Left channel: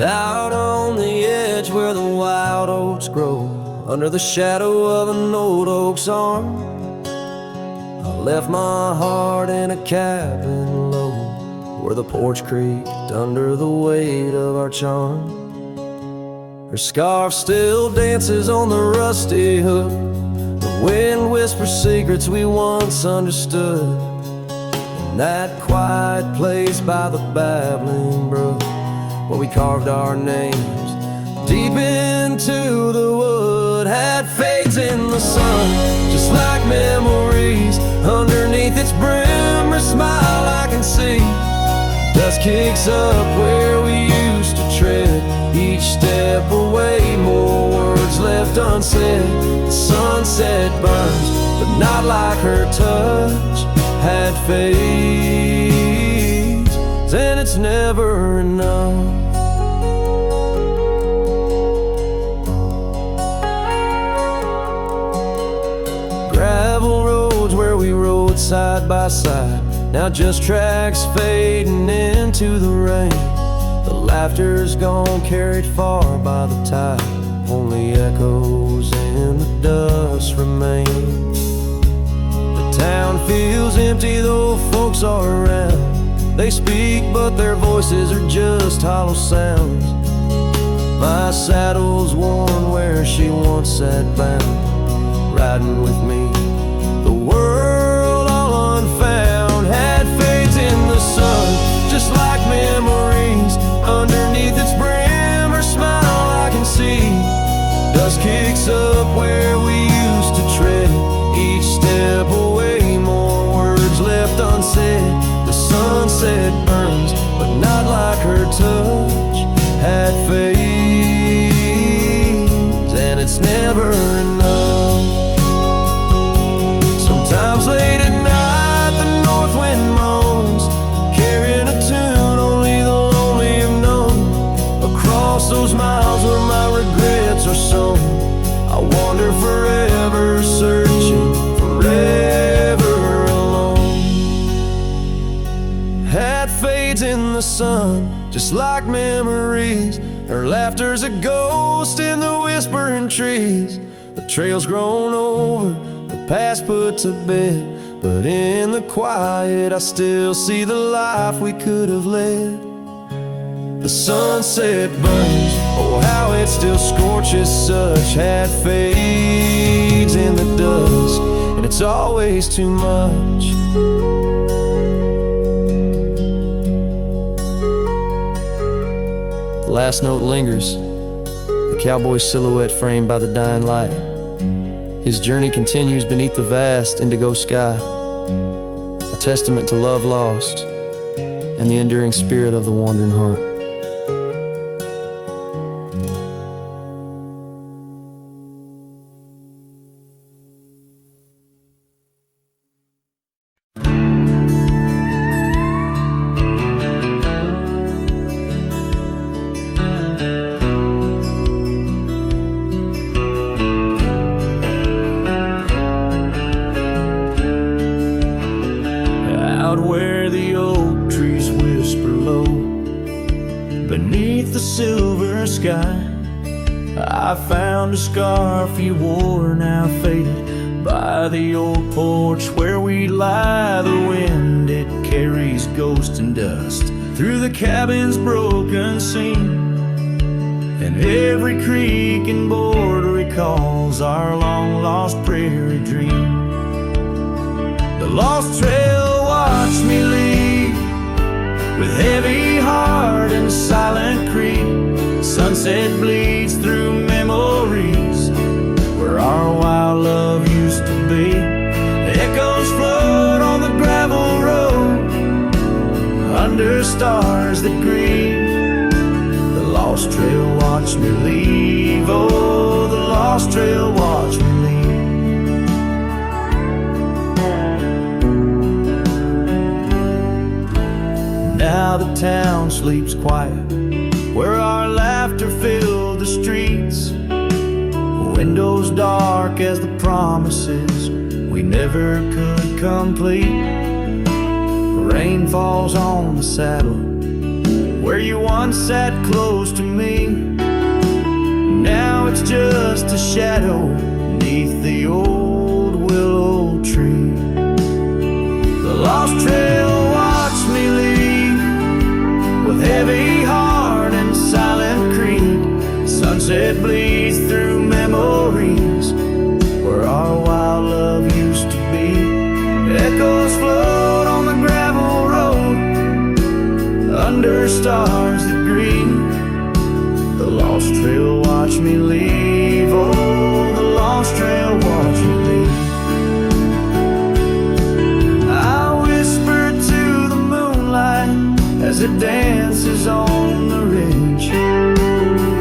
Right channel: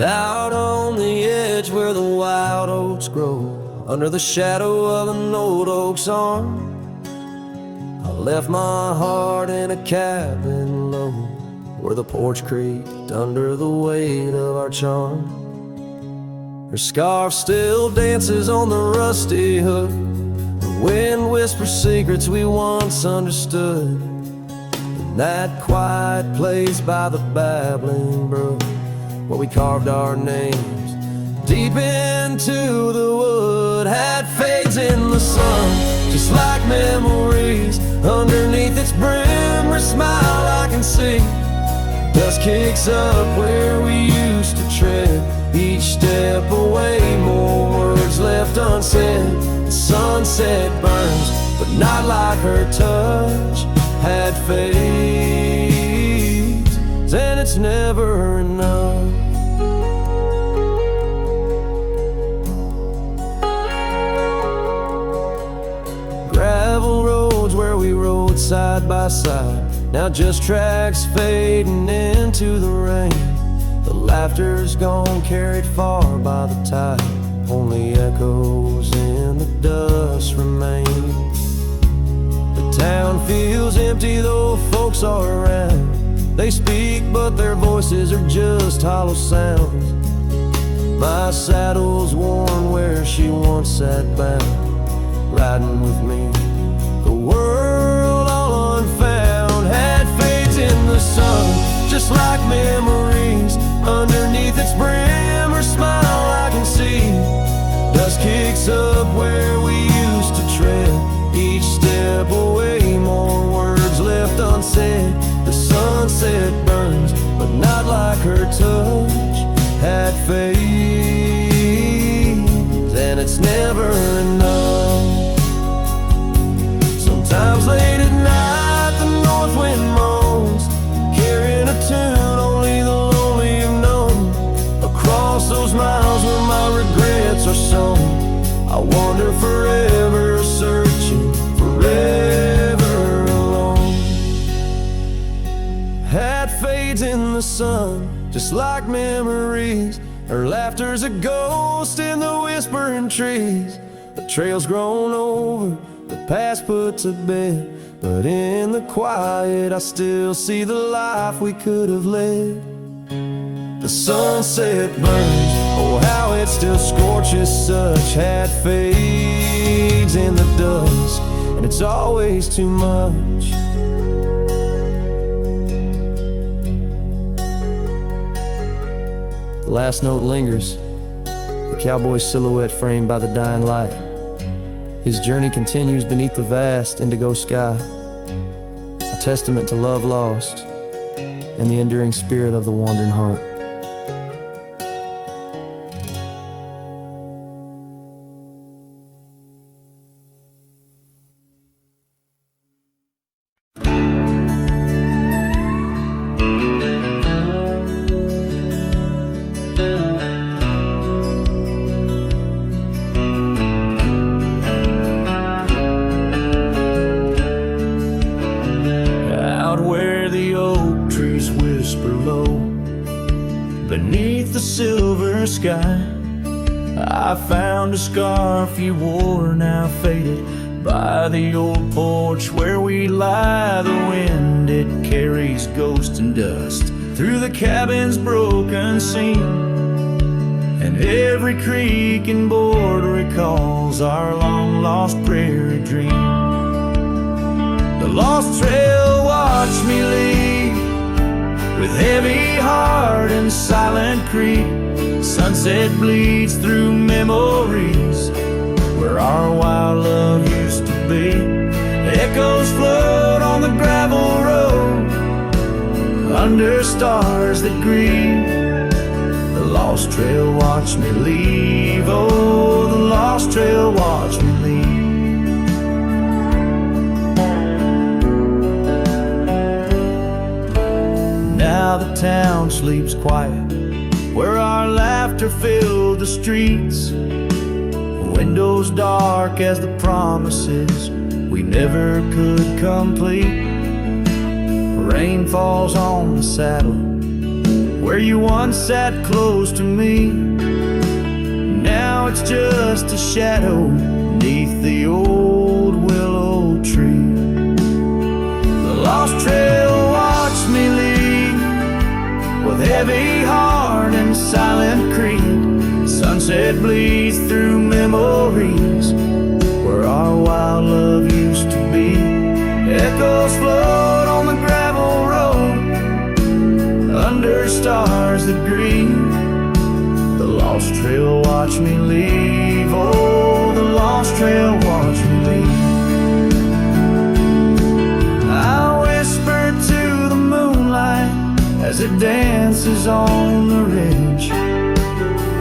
Out on the edge where the wild oats grow, under the shadow of an old oak's arm, I left my heart in a cabin low, where the porch creaked under the weight of our charm. Her scarf still dances on the rusty hook, the wind whispers secrets we once understood. In that quiet place by the babbling brook, where we carved our names deep into the wood, had fades in the sun, just like memories. Underneath its brim, her smile I can see. Dust kicks up where we used to tread, each step away, more words left unsaid. The sunset burns, but not like her touch had fades, and it's never enough. Gravel roads where we rode side by side, now just tracks fading into the rain. The laughter's gone, carried far by the tide, only echoes in the dust remain. The town feels empty though folks are around. They speak but their voices are just hollow sounds. My saddle's worn where she once sat bound, riding with me, the world all unfound. Had fades in the sun, just like memories. Underneath its brim, her smile I can see. Dust kicks up where we used to tread, each step away, more words left unsaid. The sunset burns, but not like her touch had fades, and it's never enough. Sometimes late at night the north wind moans, carrying a tune only the lonely have known. Across those miles where my regrets are sown, I wander forever, searching, forever alone. Had fades in the sun, just like memories. Her laughter's a ghost in the whispering trees. The trail's grown over, the past put to bed, but in the quiet I still see the life we could have led. The sunset burns, oh how it still scorches such. Had fades in the dust, and it's always too much. The last note lingers, the cowboy's silhouette framed by the dying light. His journey continues beneath the vast indigo sky, a testament to love lost and the enduring spirit of the wandering heart. Out where the oak trees whisper low, beneath the silver sky, I found a scarf you wore, now faded, by the old porch where we lie. The wind, it carries ghost and dust through the cabin's broken seam, and every creak and board recalls our long-lost prairie dream. The lost trail watched me leave, with heavy heart and silent creep. Sunset bleeds through memories, where our wild love used to be. Echoes float on the gravel road, under stars that grieve. The lost trail watched me leave, oh, the lost trail watched me leave. Now the town sleeps quiet, where our laughter filled the streets. Windows dark as the promises we never could complete. Rain falls on the saddle, where you once sat close to me. Now it's just a shadow beneath the old willow tree. The lost trail watched me leave with heavy heart and silent creed. Sunset bleeds through memories where our wild love used to be. Echoes float on the gravel road under stars that grieve. The lost trail watched me leave. Oh, the lost trail watched me leave. I whisper to the moonlight as it dances on the ridge,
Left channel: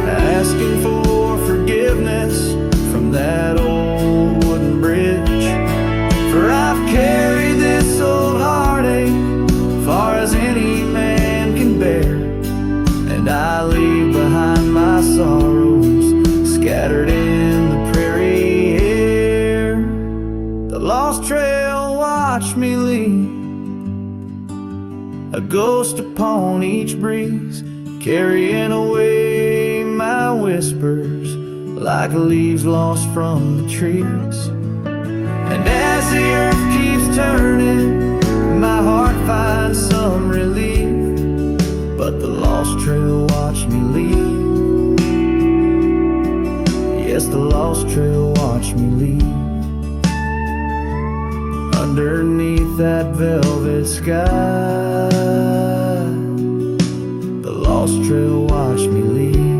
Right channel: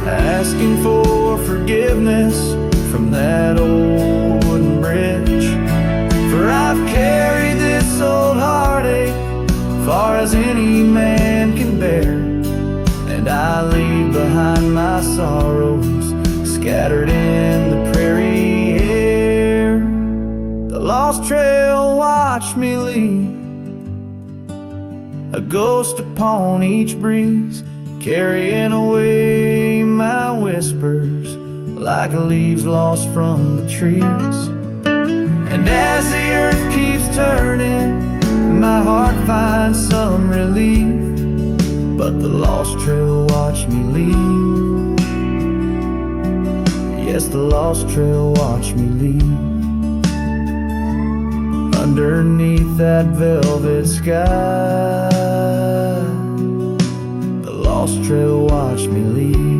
asking for forgiveness from that old wooden bridge. For I've carried this old heartache far as any man can bear, and I leave behind my sorrows scattered in the prairie air. The lost trail watched me leave, a ghost upon each breeze, carrying away my whispers like leaves lost from the trees. And as the earth keeps turning, my heart finds some relief, but the lost trail watched me leave. Yes, the lost trail watched me leave. Underneath that velvet sky, the lost trail watched me leave.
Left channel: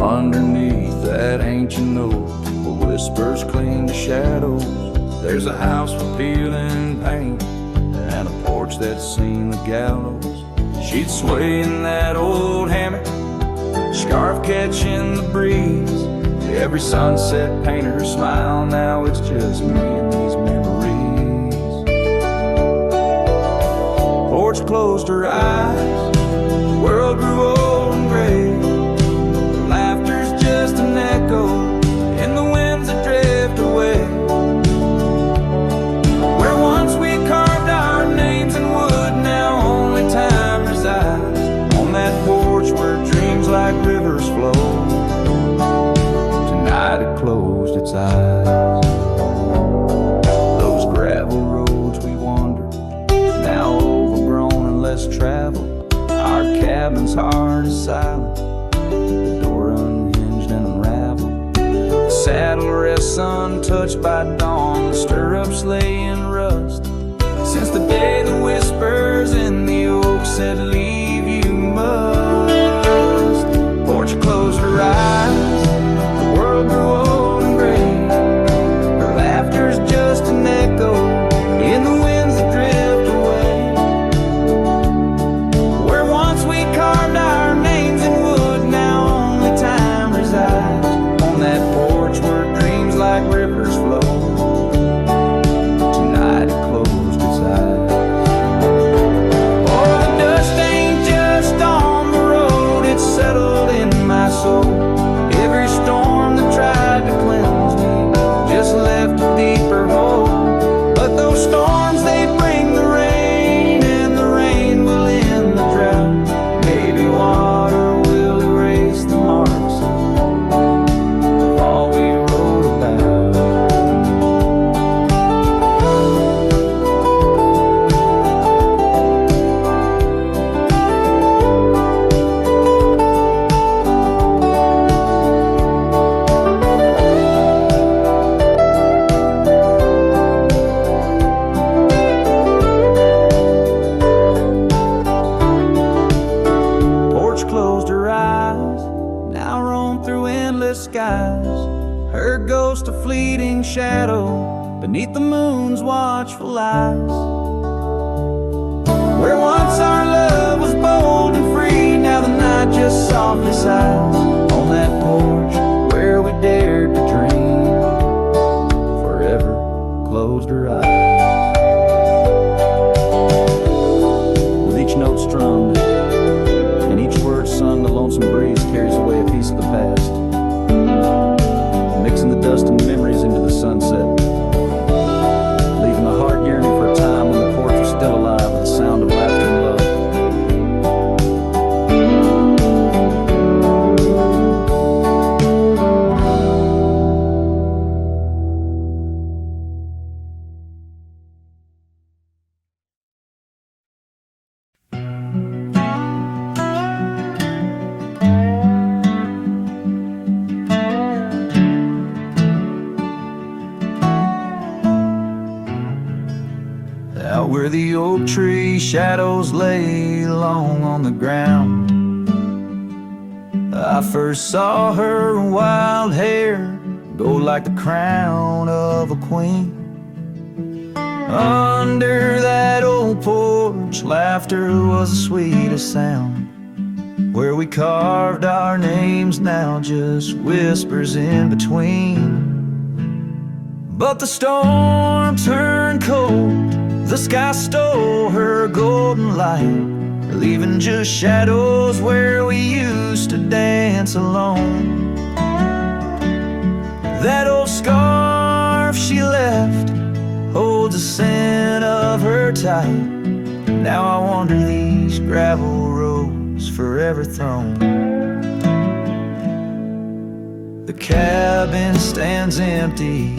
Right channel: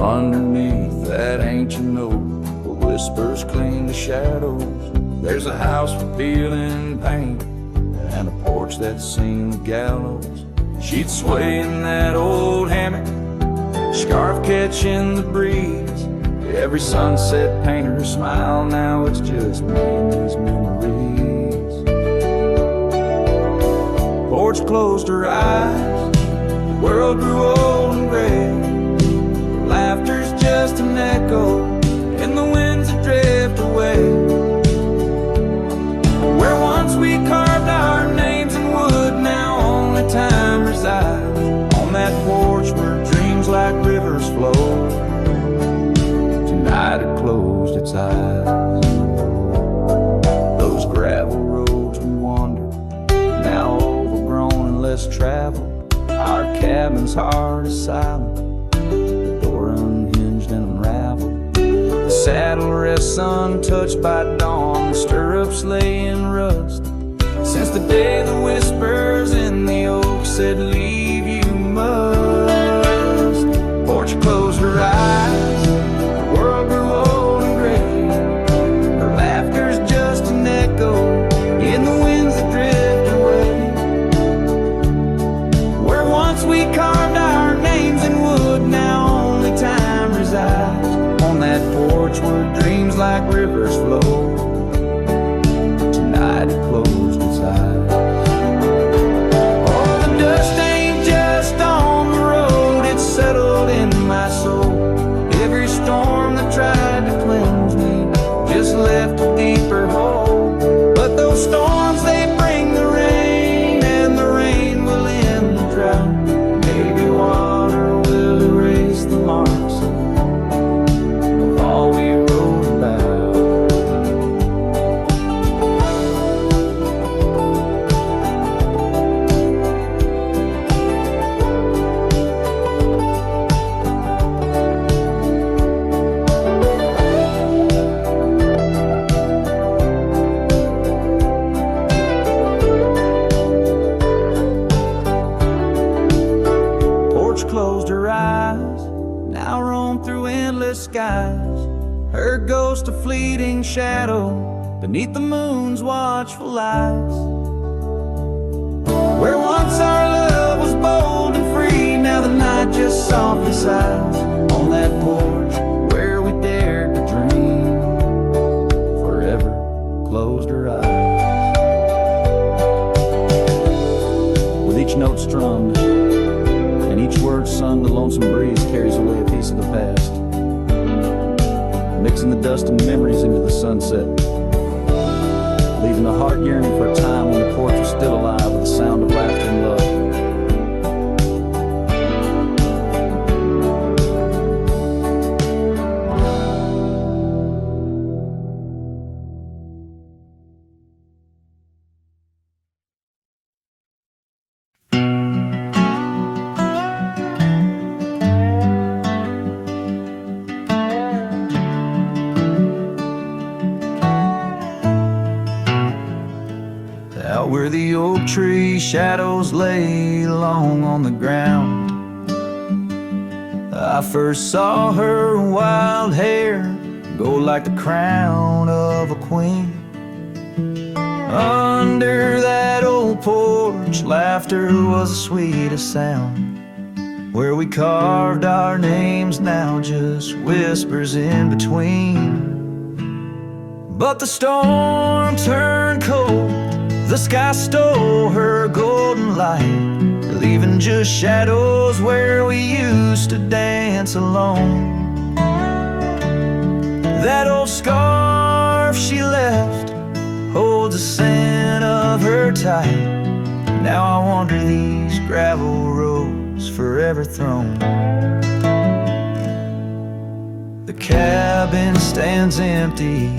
Underneath that ancient oak where whispers cling to shadows, there's a house for peeling paint and a porch that's seen the gallows. She'd sway in that old hammock, scarf catching the breeze. Every sunset painted her smile. Now it's just me and these memories. Porch closed her eyes, the world grew old and gray. Laughter's just an echo in the winds that drift away. Where once we carved our names in wood, now only time resides. On that porch where dreams like rivers flow, tonight it closed its eyes. Those gravel roads we wandered, now overgrown and less traveled. Our cabin's heart is silent, the door unhinged and unraveled. The saddle rests untouched by dawn, the stirrups lay in rust. Since the day the whispers in the oak said, leave you must. Porch closed her eyes, the world grew old and gray. Her laughter's just an echo in the winds that drift away. Where once we carved our names in wood, now only time resides. On that porch where dreams like rivers flow, tonight it closed its eyes. Oh, the dust ain't just on the road, it's settled in my soul. Every storm that tried to cleanse me just left a deeper hole. But those storms, they bring the rain, and the rain will end the drought. Maybe water will erase the marks of all we wrote about. Porch closed her eyes, now roam through endless skies. Her ghost a fleeting shadow beneath the moon's watchful eyes. Where once our love was bold and free, now the night just softly sighs on that porch where we dared to dream. Forever closed her eyes. With each note strummed and each word sung, the lonesome breeze carries away a piece of the past, mixing the dust and memories into the sunset, leaving the heart yearning for a time when the porch was still alive with the sound of laughter and love. Out where the oak tree shadows lay long on the ground, I first saw her wild hair go like the crown of a queen. Under that old porch, laughter was the sweetest sound. Where we carved our names, now just whispers in between. But the storm turned cold, the sky stole her golden light, leaving just shadows where we used to dance alone. That old scarf she left holds the scent of her tight. Now I wander these gravel roads forever thrown. The cabin stands empty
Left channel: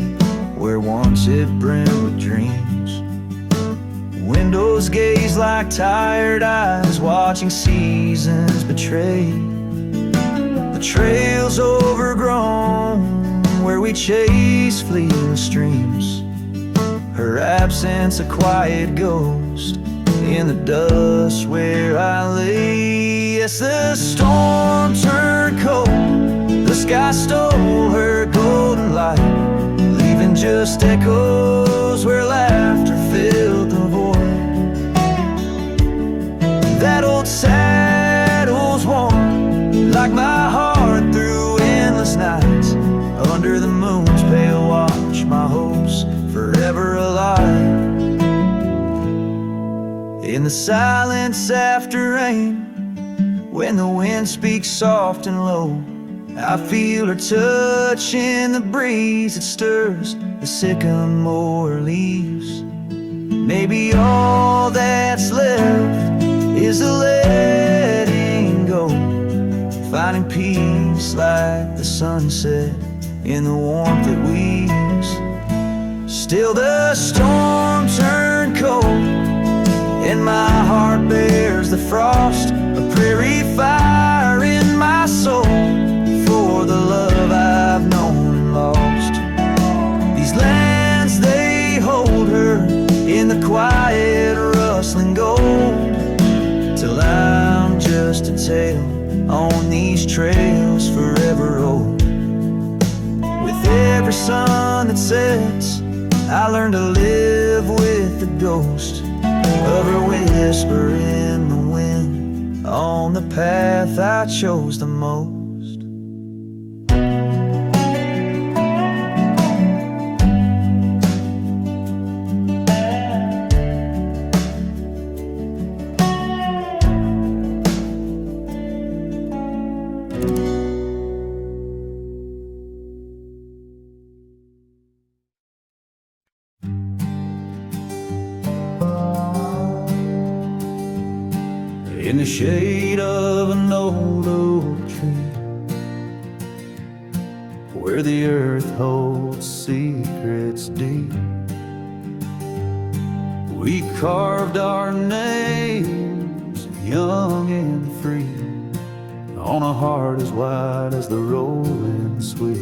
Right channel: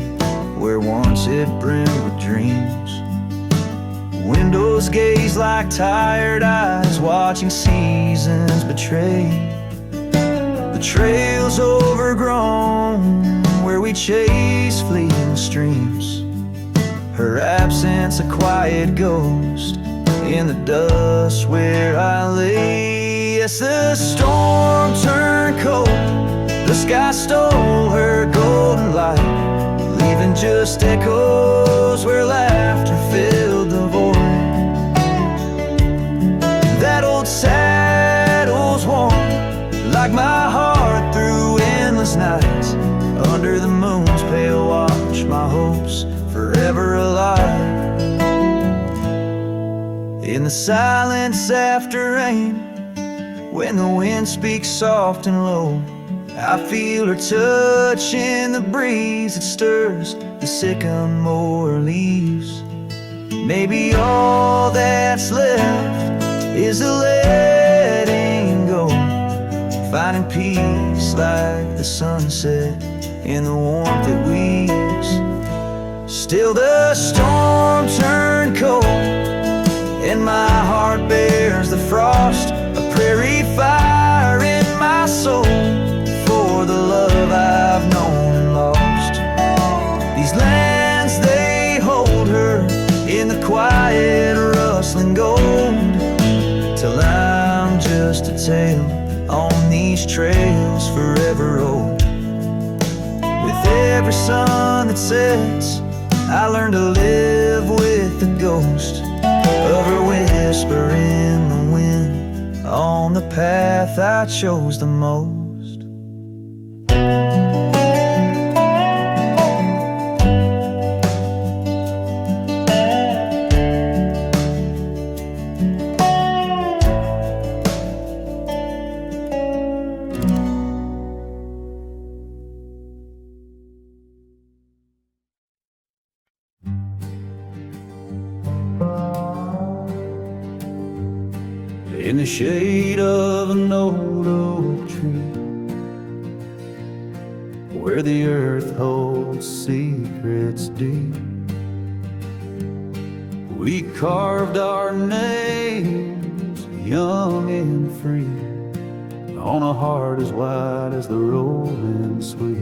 where once it brimmed with dreams. Windows gaze like tired eyes watching seasons betray. The trail's overgrown where we chase fleeting streams. Her absence a quiet ghost in the dust where I lay. Yes, the storm turned cold, the sky stole her golden light, leaving just echoes where laughter filled the void. That old saddle's warm like my heart through endless nights. Under the moon's pale watch, my hopes forever alive. In the silence after rain, when the wind speaks soft and low, I feel her touch in the breeze that stirs the sycamore leaves. Maybe all that's left is the letting go, finding peace like the sunset in the warmth it weaves. Still the storm turned cold, and my heart bears the frost, a prairie fire in my soul for the love I've known and lost. These lands, they hold her in the quiet rustling gold, till I'm just a tale on these trails forever old. With every sun that sets, I learn to live with the ghost of her whisper in the wind on the path I chose the most. In the shade of an old oak tree, where the earth holds secrets deep, we carved our names young and free on a heart as wide as the rolling sweet.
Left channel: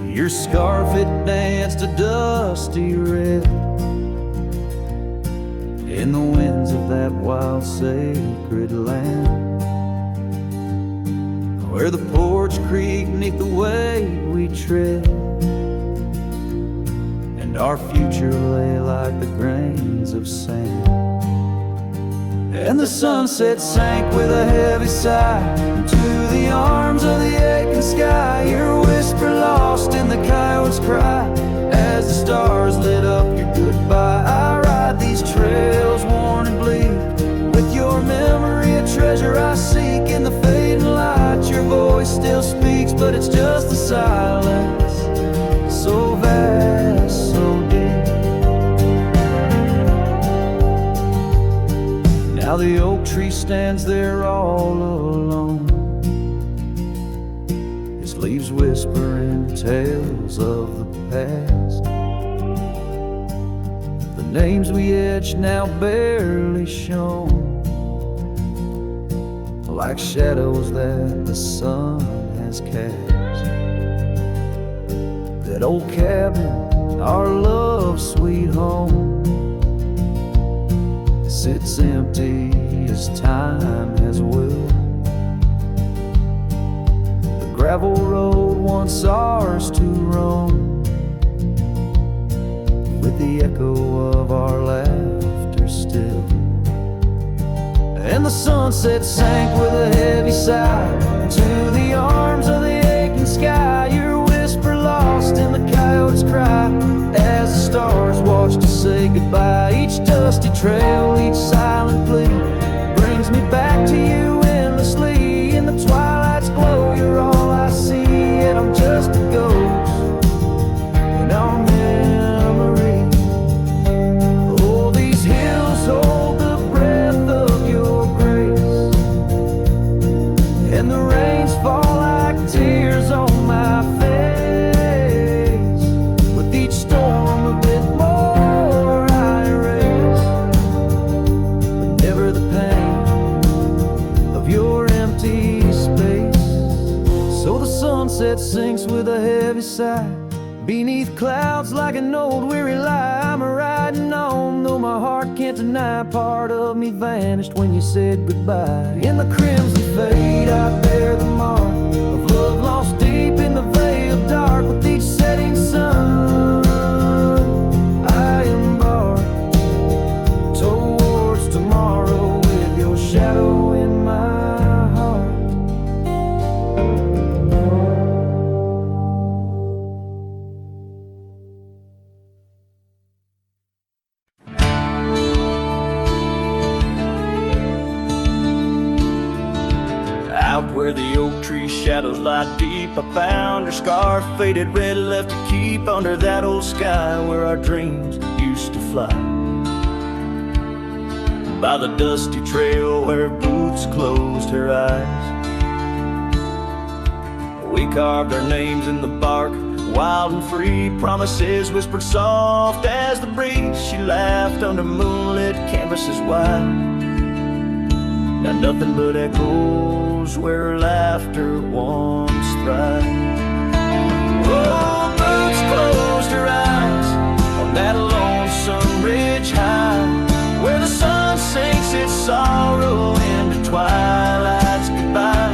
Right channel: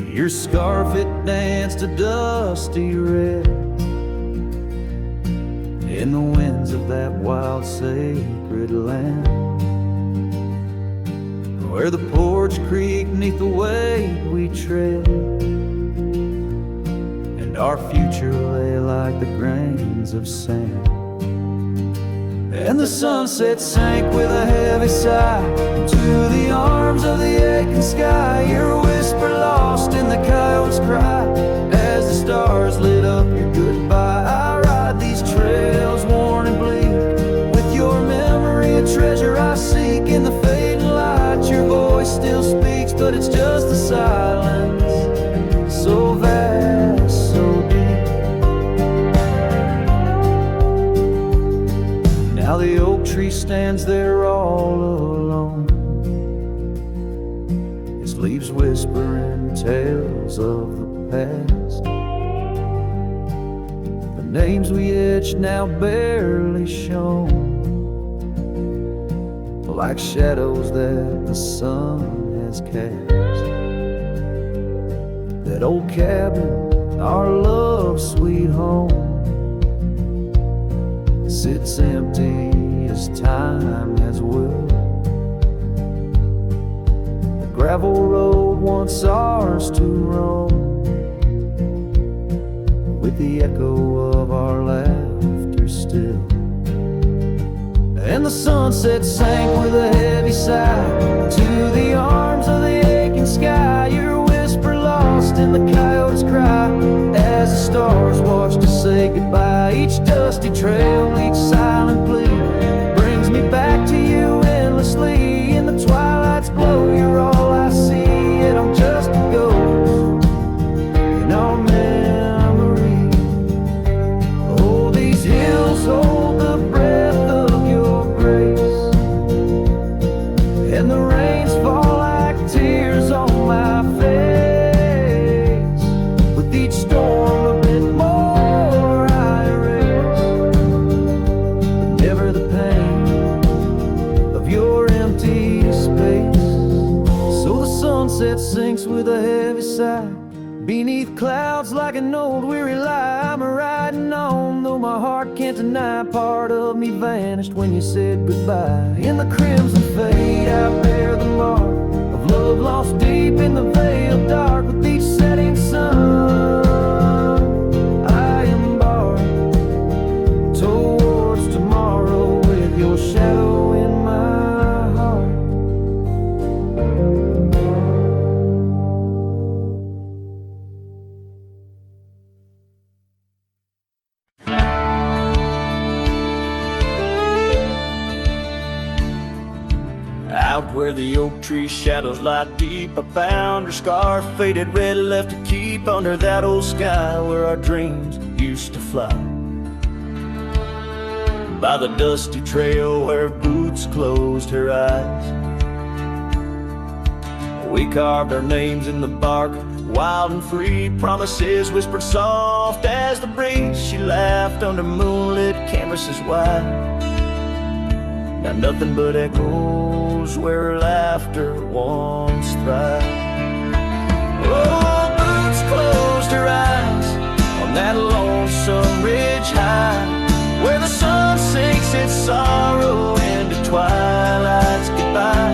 Your scarf, it danced a dusty red in the winds of that wild sacred land, where the porch creaked neath the weight we tread, and and our future lay like the grains of sand. And the sunset sank with a heavy sigh into the arms of the aching sky. Your whisper lost in the coyote's cry as the stars lit up your goodbye. I ride these trails worn and bleak, with your memory a treasure I seek. In the fading light your voice still speaks, but it's just the silence, so vast, so deep. Now the oak tree stands there all alone, its leaves whispering tales of the past. The names we etched now barely shown, like shadows that the sun has cast. That old cabin, our love's sweet home, sits empty as time has willed. The gravel road once ours to roam, with the echo of our laughter still. And the sunset sank with a heavy sigh to the arms of the aching sky. Your whisper lost in the coyote's cry as the stars watched us say goodbye. Each dusty trail, each silent plea brings me back to you endlessly. In the twilight's glow you're all I see, yet I'm just a ghost in our memory. Oh, these hills hold the breath of your grace, and the rains fall like tears on my face. With each storm a bit more I erase, but never the pain of your empty space. So the sunset sinks with a heavy sigh beneath clouds like an old weary lie. I'm riding on, though my heart can't deny part of me vanished when you said goodbye. In the crimson fade I bear the mark of love lost deep in the veil dark. With each setting sun I embark towards tomorrow with your shadow in my heart. Out where the oak tree shadows lie deep, I found her scarf, faded red, left to keep under that old sky where our dreams used to fly. By the dusty trail where boots closed her eyes, we carved our names in the bark, wild and free, promises whispered soft as the breeze. She laughed under moonlit canvases wide. Now nothing but echoes where her laughter once thrived. Oh, boots closed her eyes on that lonesome ridge high, where the sun sinks its sorrow into twilight's goodbye.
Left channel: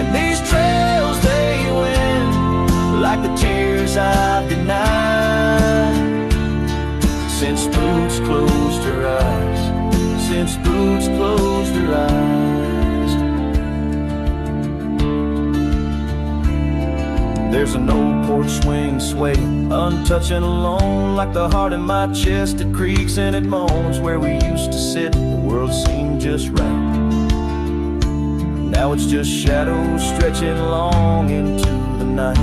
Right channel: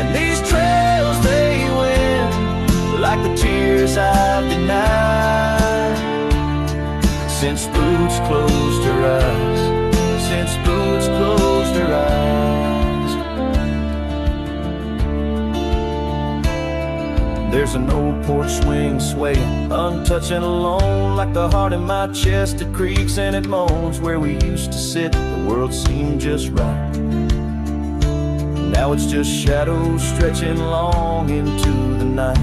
And these trails they win like the tears I've denied, since boots closed her eyes, since boots closed her eyes. There's an old porch swing swaying, untouched and alone, like the heart in my chest. It creaks and it moans. Where we used to sit, the world seemed just right. Now it's just shadows stretching long into the night.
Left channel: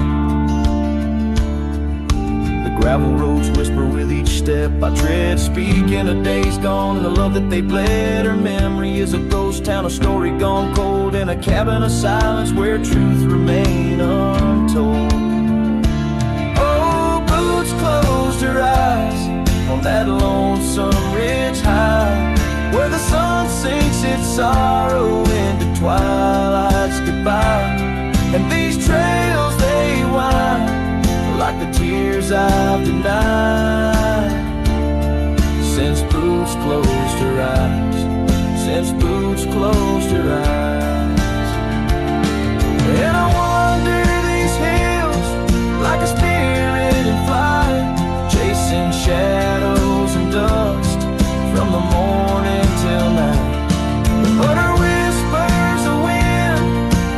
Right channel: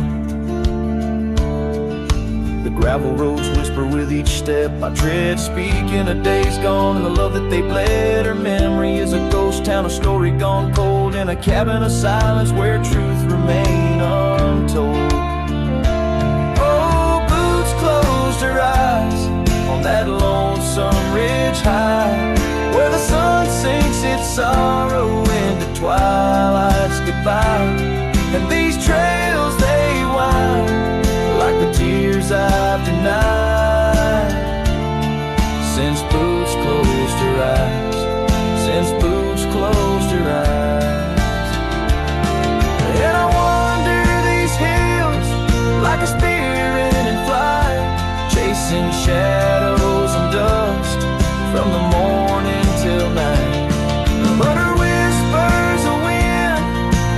The gravel roads whisper with each step I tread, speaking of days gone and the love that they bled. Her memory is a ghost town, a story gone cold, in a cabin of silence where truth remain untold. Oh, boots closed her eyes on that lonesome ridge high, where the sun sinks its sorrow into twilight's goodbye. And these trails they wind like the tears I've denied, since boots closed her eyes, since boots closed her eyes. And I wander these hills like a spirit in flight, chasing shadows and dust from the morning till night. The utter whispers of wind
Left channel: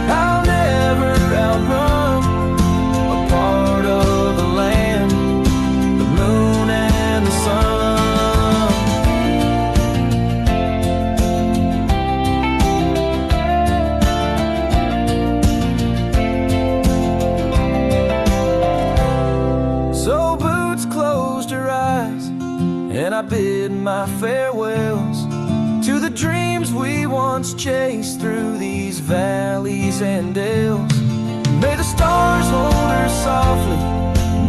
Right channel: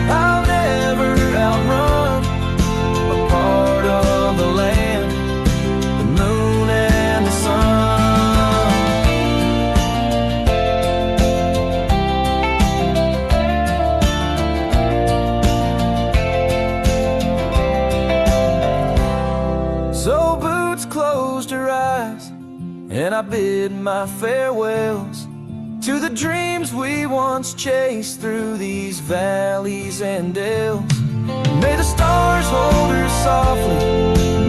I'll never outrun, a part of the land, the moon and the sun. So Boots closed her eyes, and I bid my farewells to the dreams we once chased through these valleys and dales. May the stars hold her softly,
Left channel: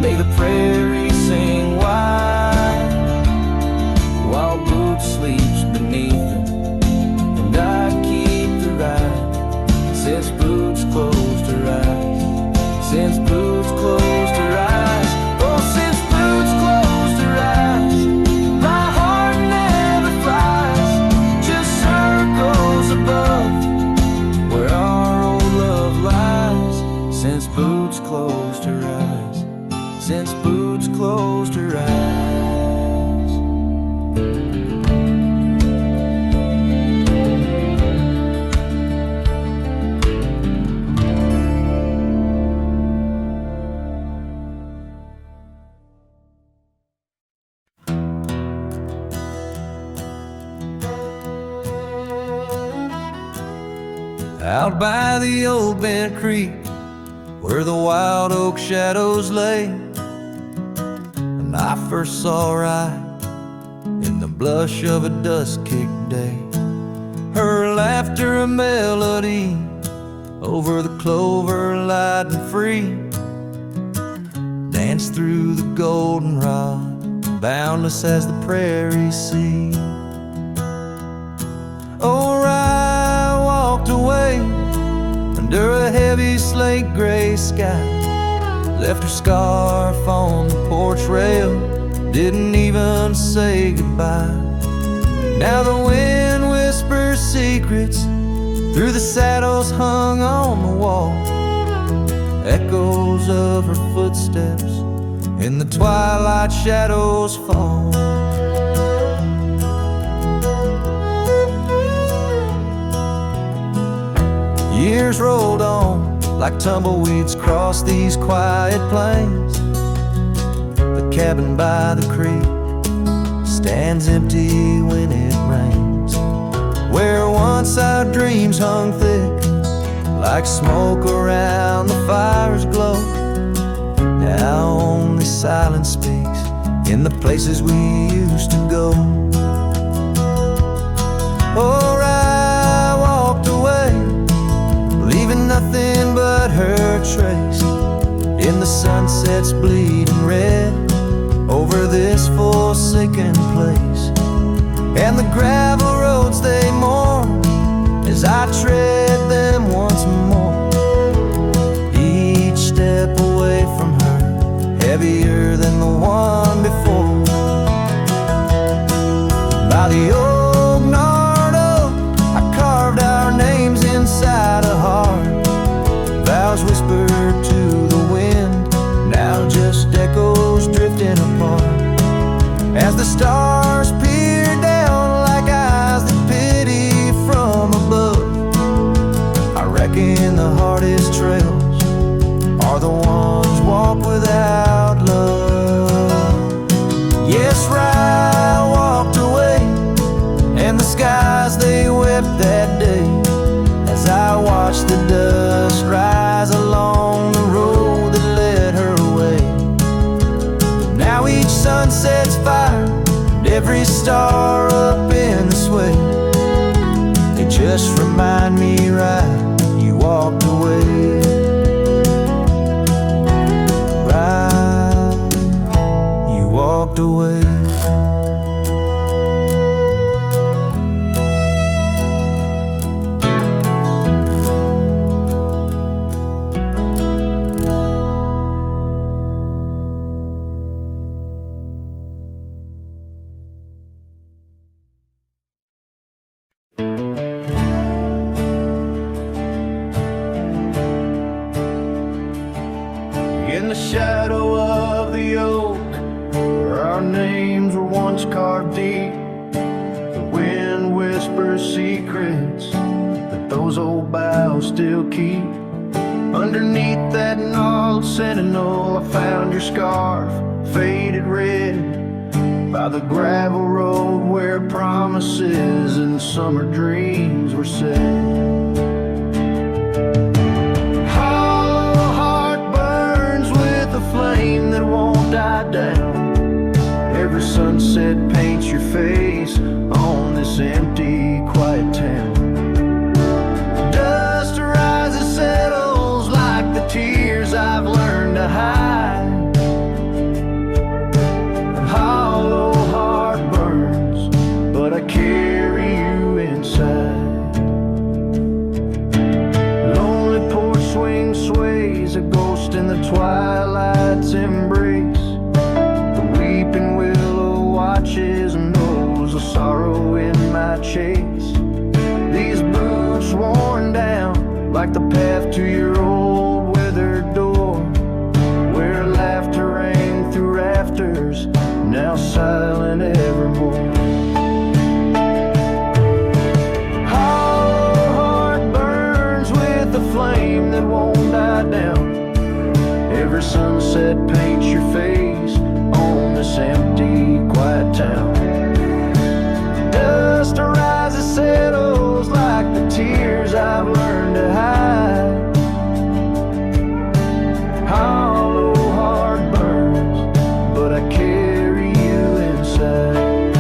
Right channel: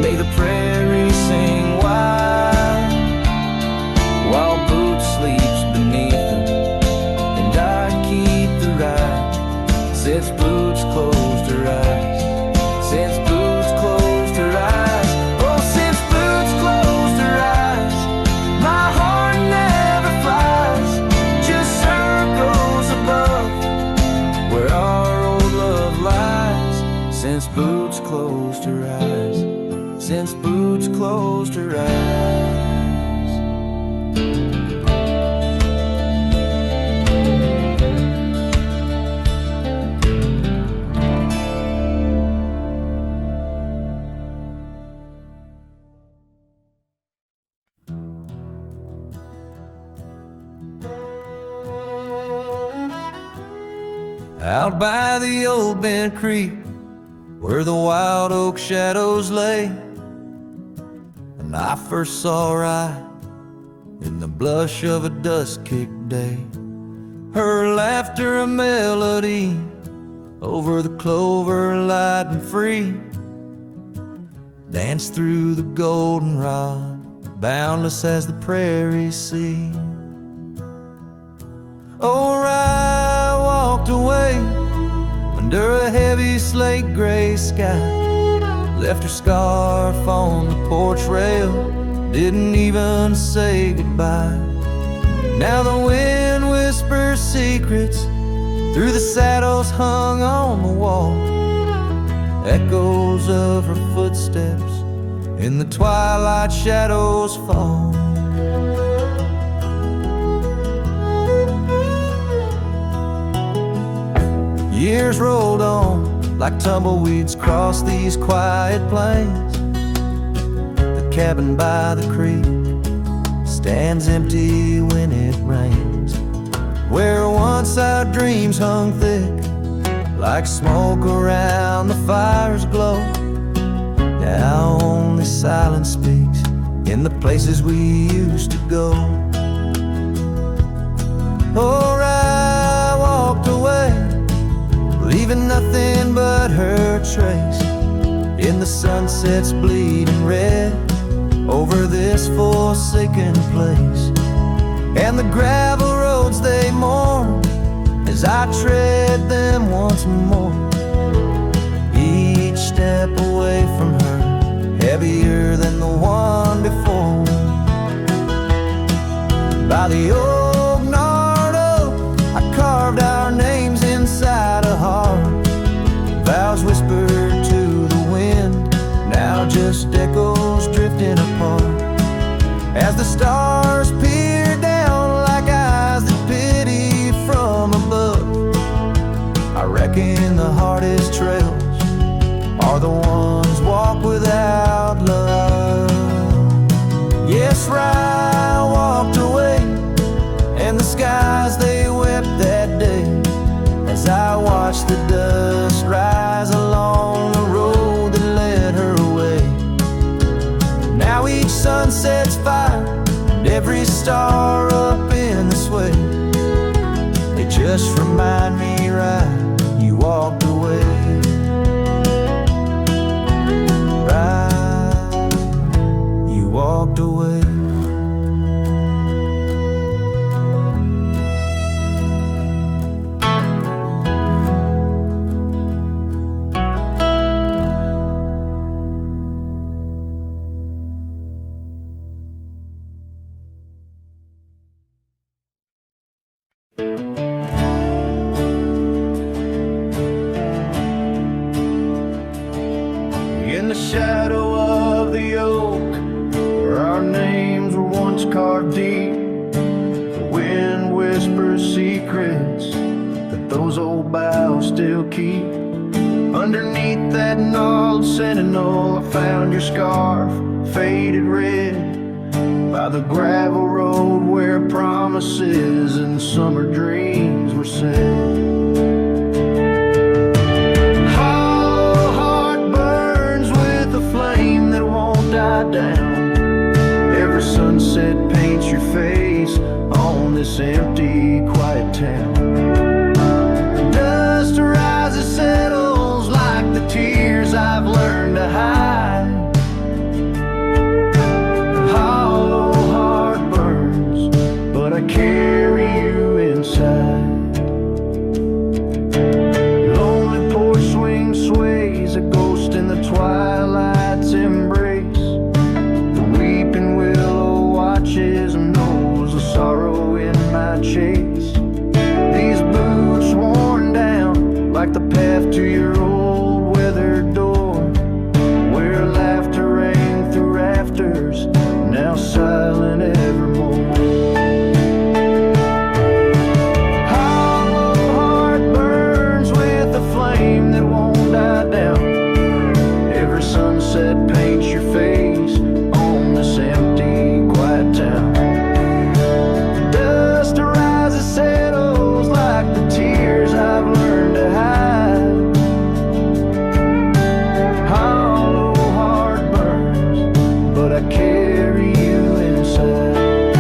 may the prairie sing wide, while Boots sleeps beneath them, and I keep the ride. Since Boots closed her eyes, since Boots closed her eyes, oh, since Boots closed her eyes, my heart never flies, just circles above where our old love lies. Since Boots closed her eyes, since Boots closed her eyes. Out by the old bent creek, where the wild oak shadows lay, and I first saw her eye in the blush of a dusk-kicked day. Her laughter a melody over the clover, light and free, danced through the goldenrod, boundless as the prairie sea. Oh, I walked away under a heavy slate gray sky, left her scarf on the porch rail, didn't even say goodbye. Now the wind whispers secrets through the saddles hung on the wall, echoes of her footsteps in the twilight shadows fall. Years rolled on like tumbleweeds across these quiet plains. The cabin by the creek stands empty when it rains, where once our dreams hung thick like smoke around the fire's glow. Now only silence speaks in the places we used to go. Oh, I walked away, leaving nothing but her trace in the sunset's bleeding red over this forsaken place. And the gravel roads they mourn as I tread them once more, each step away from her heavier than the one before. By the old gnarled oak, I carved our names inside a heart, vows whispered to the wind, now just echoes drifting apart. As the stars peer down like eyes that pity from above, I reckon the hardest trails are the ones walked without love. Yes, Rye walked away, and the skies they wept that day, as I watched the dust rise along the road that led her away. Now each sun sets fire, and every star up in the sway, they just remind me, right, you walked away. Right, you walked away. In the shadow of the oak, where our names were once carved deep. The wind whispers secrets that those old boughs still keep. Underneath that gnarled sentinel, I found your scarf, faded red, by the gravel road where promises and summer dreams were said. Hollow heart burns with a flame that won't die down. Every sunset paints your face on this empty, quiet town. Dust rises, settles like the tears I've learned to hide. Hollow heart burns, but I carry you inside. Lonely porch swing sways, a ghost in the twilight's embrace. The weeping willow watches and knows the sorrow in my chase. These boots worn down like the path to your old weathered door, where laughter rang through rafters, now silent evermore. Hollow heart burns with a flame that won't die down. Every sunset paints your face on this empty, quiet town. Dust rises, settles like the tears I've learned to hide. Hollow heart burns, but I carry you inside.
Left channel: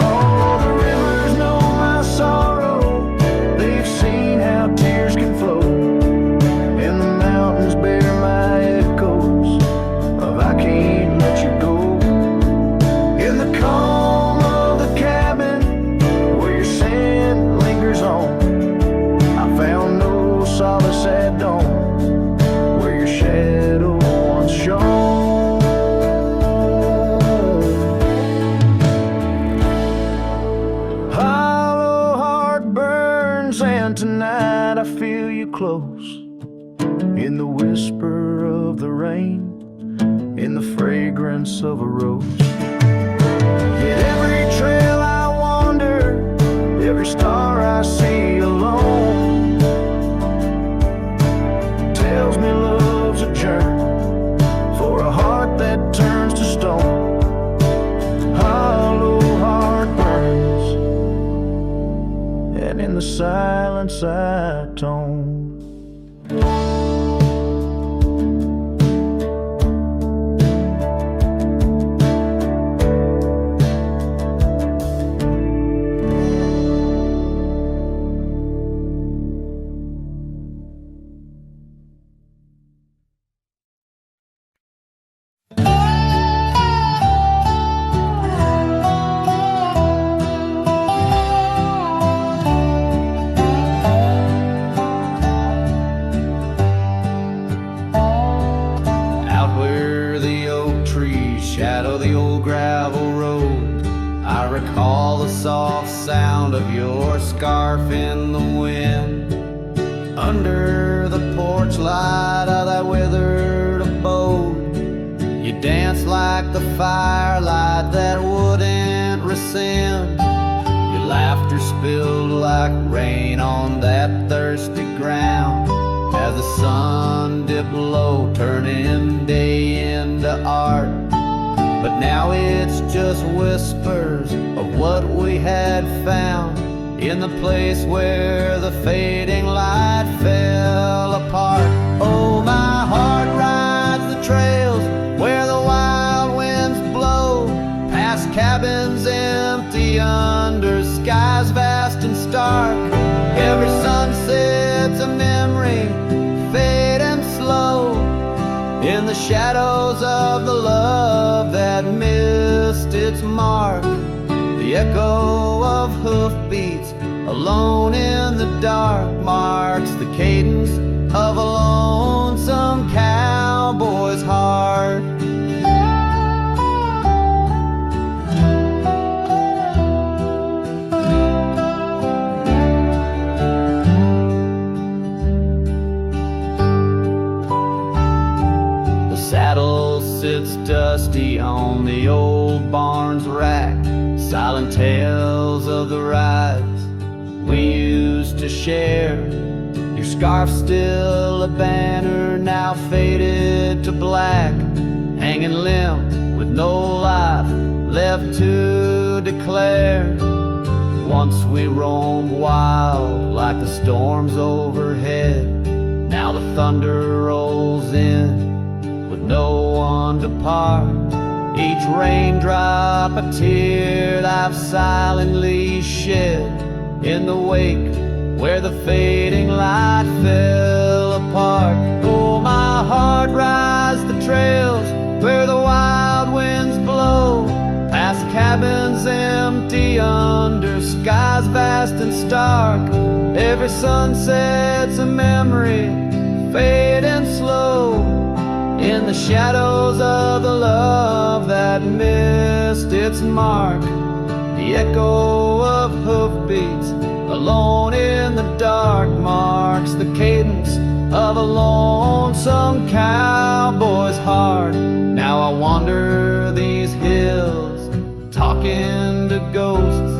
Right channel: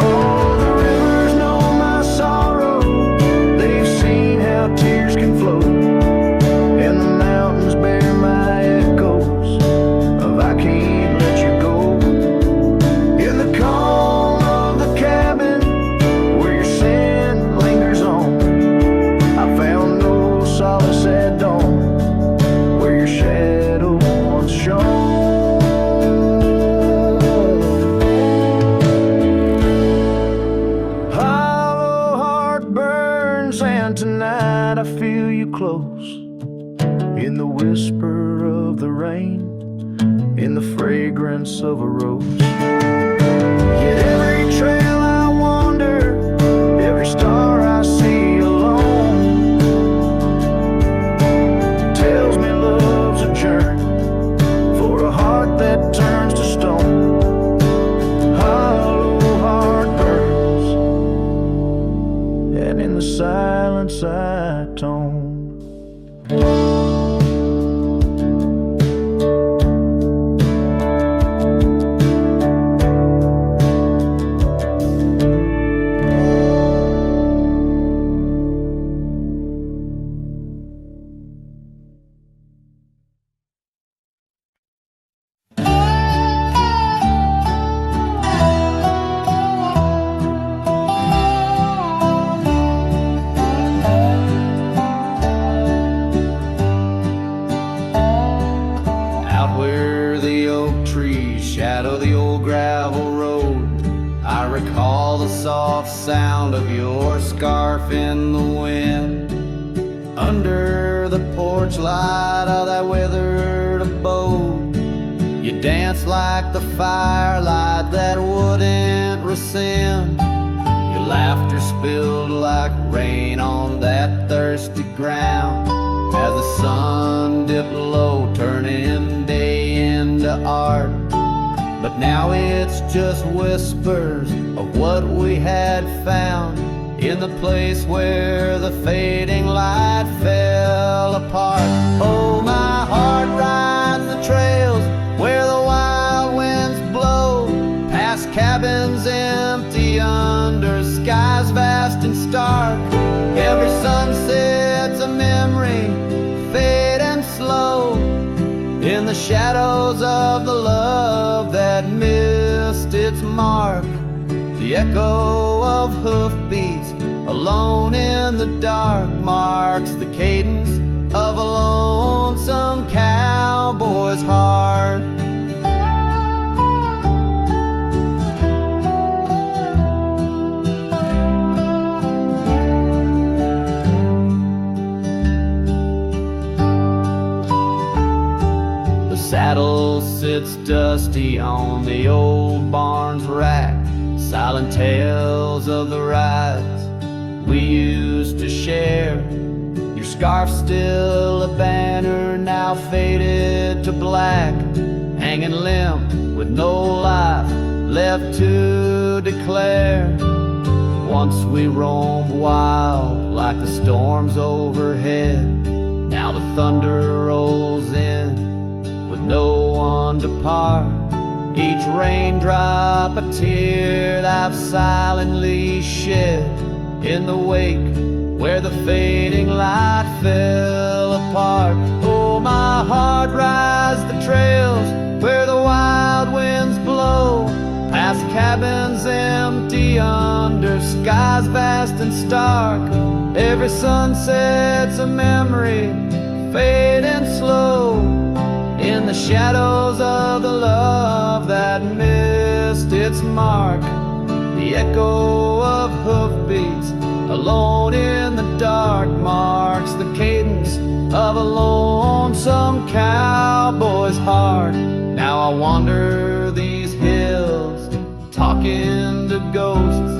Oh, the rivers know my sorrow, they've seen how tears can flow, and the mountains bear my echoes of I can't let you go. In the calm of the cabin where your scent lingers on, I found no solace at dawn, where your shadow once shone. Hollow heart burns, and tonight I feel you close, in the whisper of the rain, in the fragrance of a rose. Yet every trail I wander, every star I see alone, tells me love's a journey for a heart that turns to stone. Hollow heart burns, and in the silence I tone. Shadow the old gravel road, I recall the soft sound of your scarf in the wind. Under the porch light of that withered abode, you danced like the firelight that wouldn't rescind. Your laughter spilled like rain on that thirsty ground, as the sun dipped low, turning day into art. But now it's just whispers of what we had found, in the place where the fading light fell apart. Oh, my heart rides the trails where the wild winds blow, past cabins empty under skies vast and stark. Every sunset's a memory, fading slow, in the shadows of the love that missed its mark. The echo of hoofbeats alone in the dark marks the cadence of a lonesome cowboy's heart. The saddle sits dusty on the old barn's rack, silent tales of the rides we used to share. Your scarf's still a banner, now faded to black, hanging limp with no life left to declare. Once we roamed wild like the storms overhead, now the thunder rolls in with no one to part. Each raindrop a tear that I've silently shed in the wake where the fading light fell apart. Oh, my heart rides the trails where the wild winds blow, past cabins empty under skies vast and stark. Every sunset's a memory, fading slow, in the shadows of the love that missed its mark. The echo of hoofbeats alone in the dark marks the cadence of a lonesome cowboy's heart. Now I wander these hills, talking to ghosts.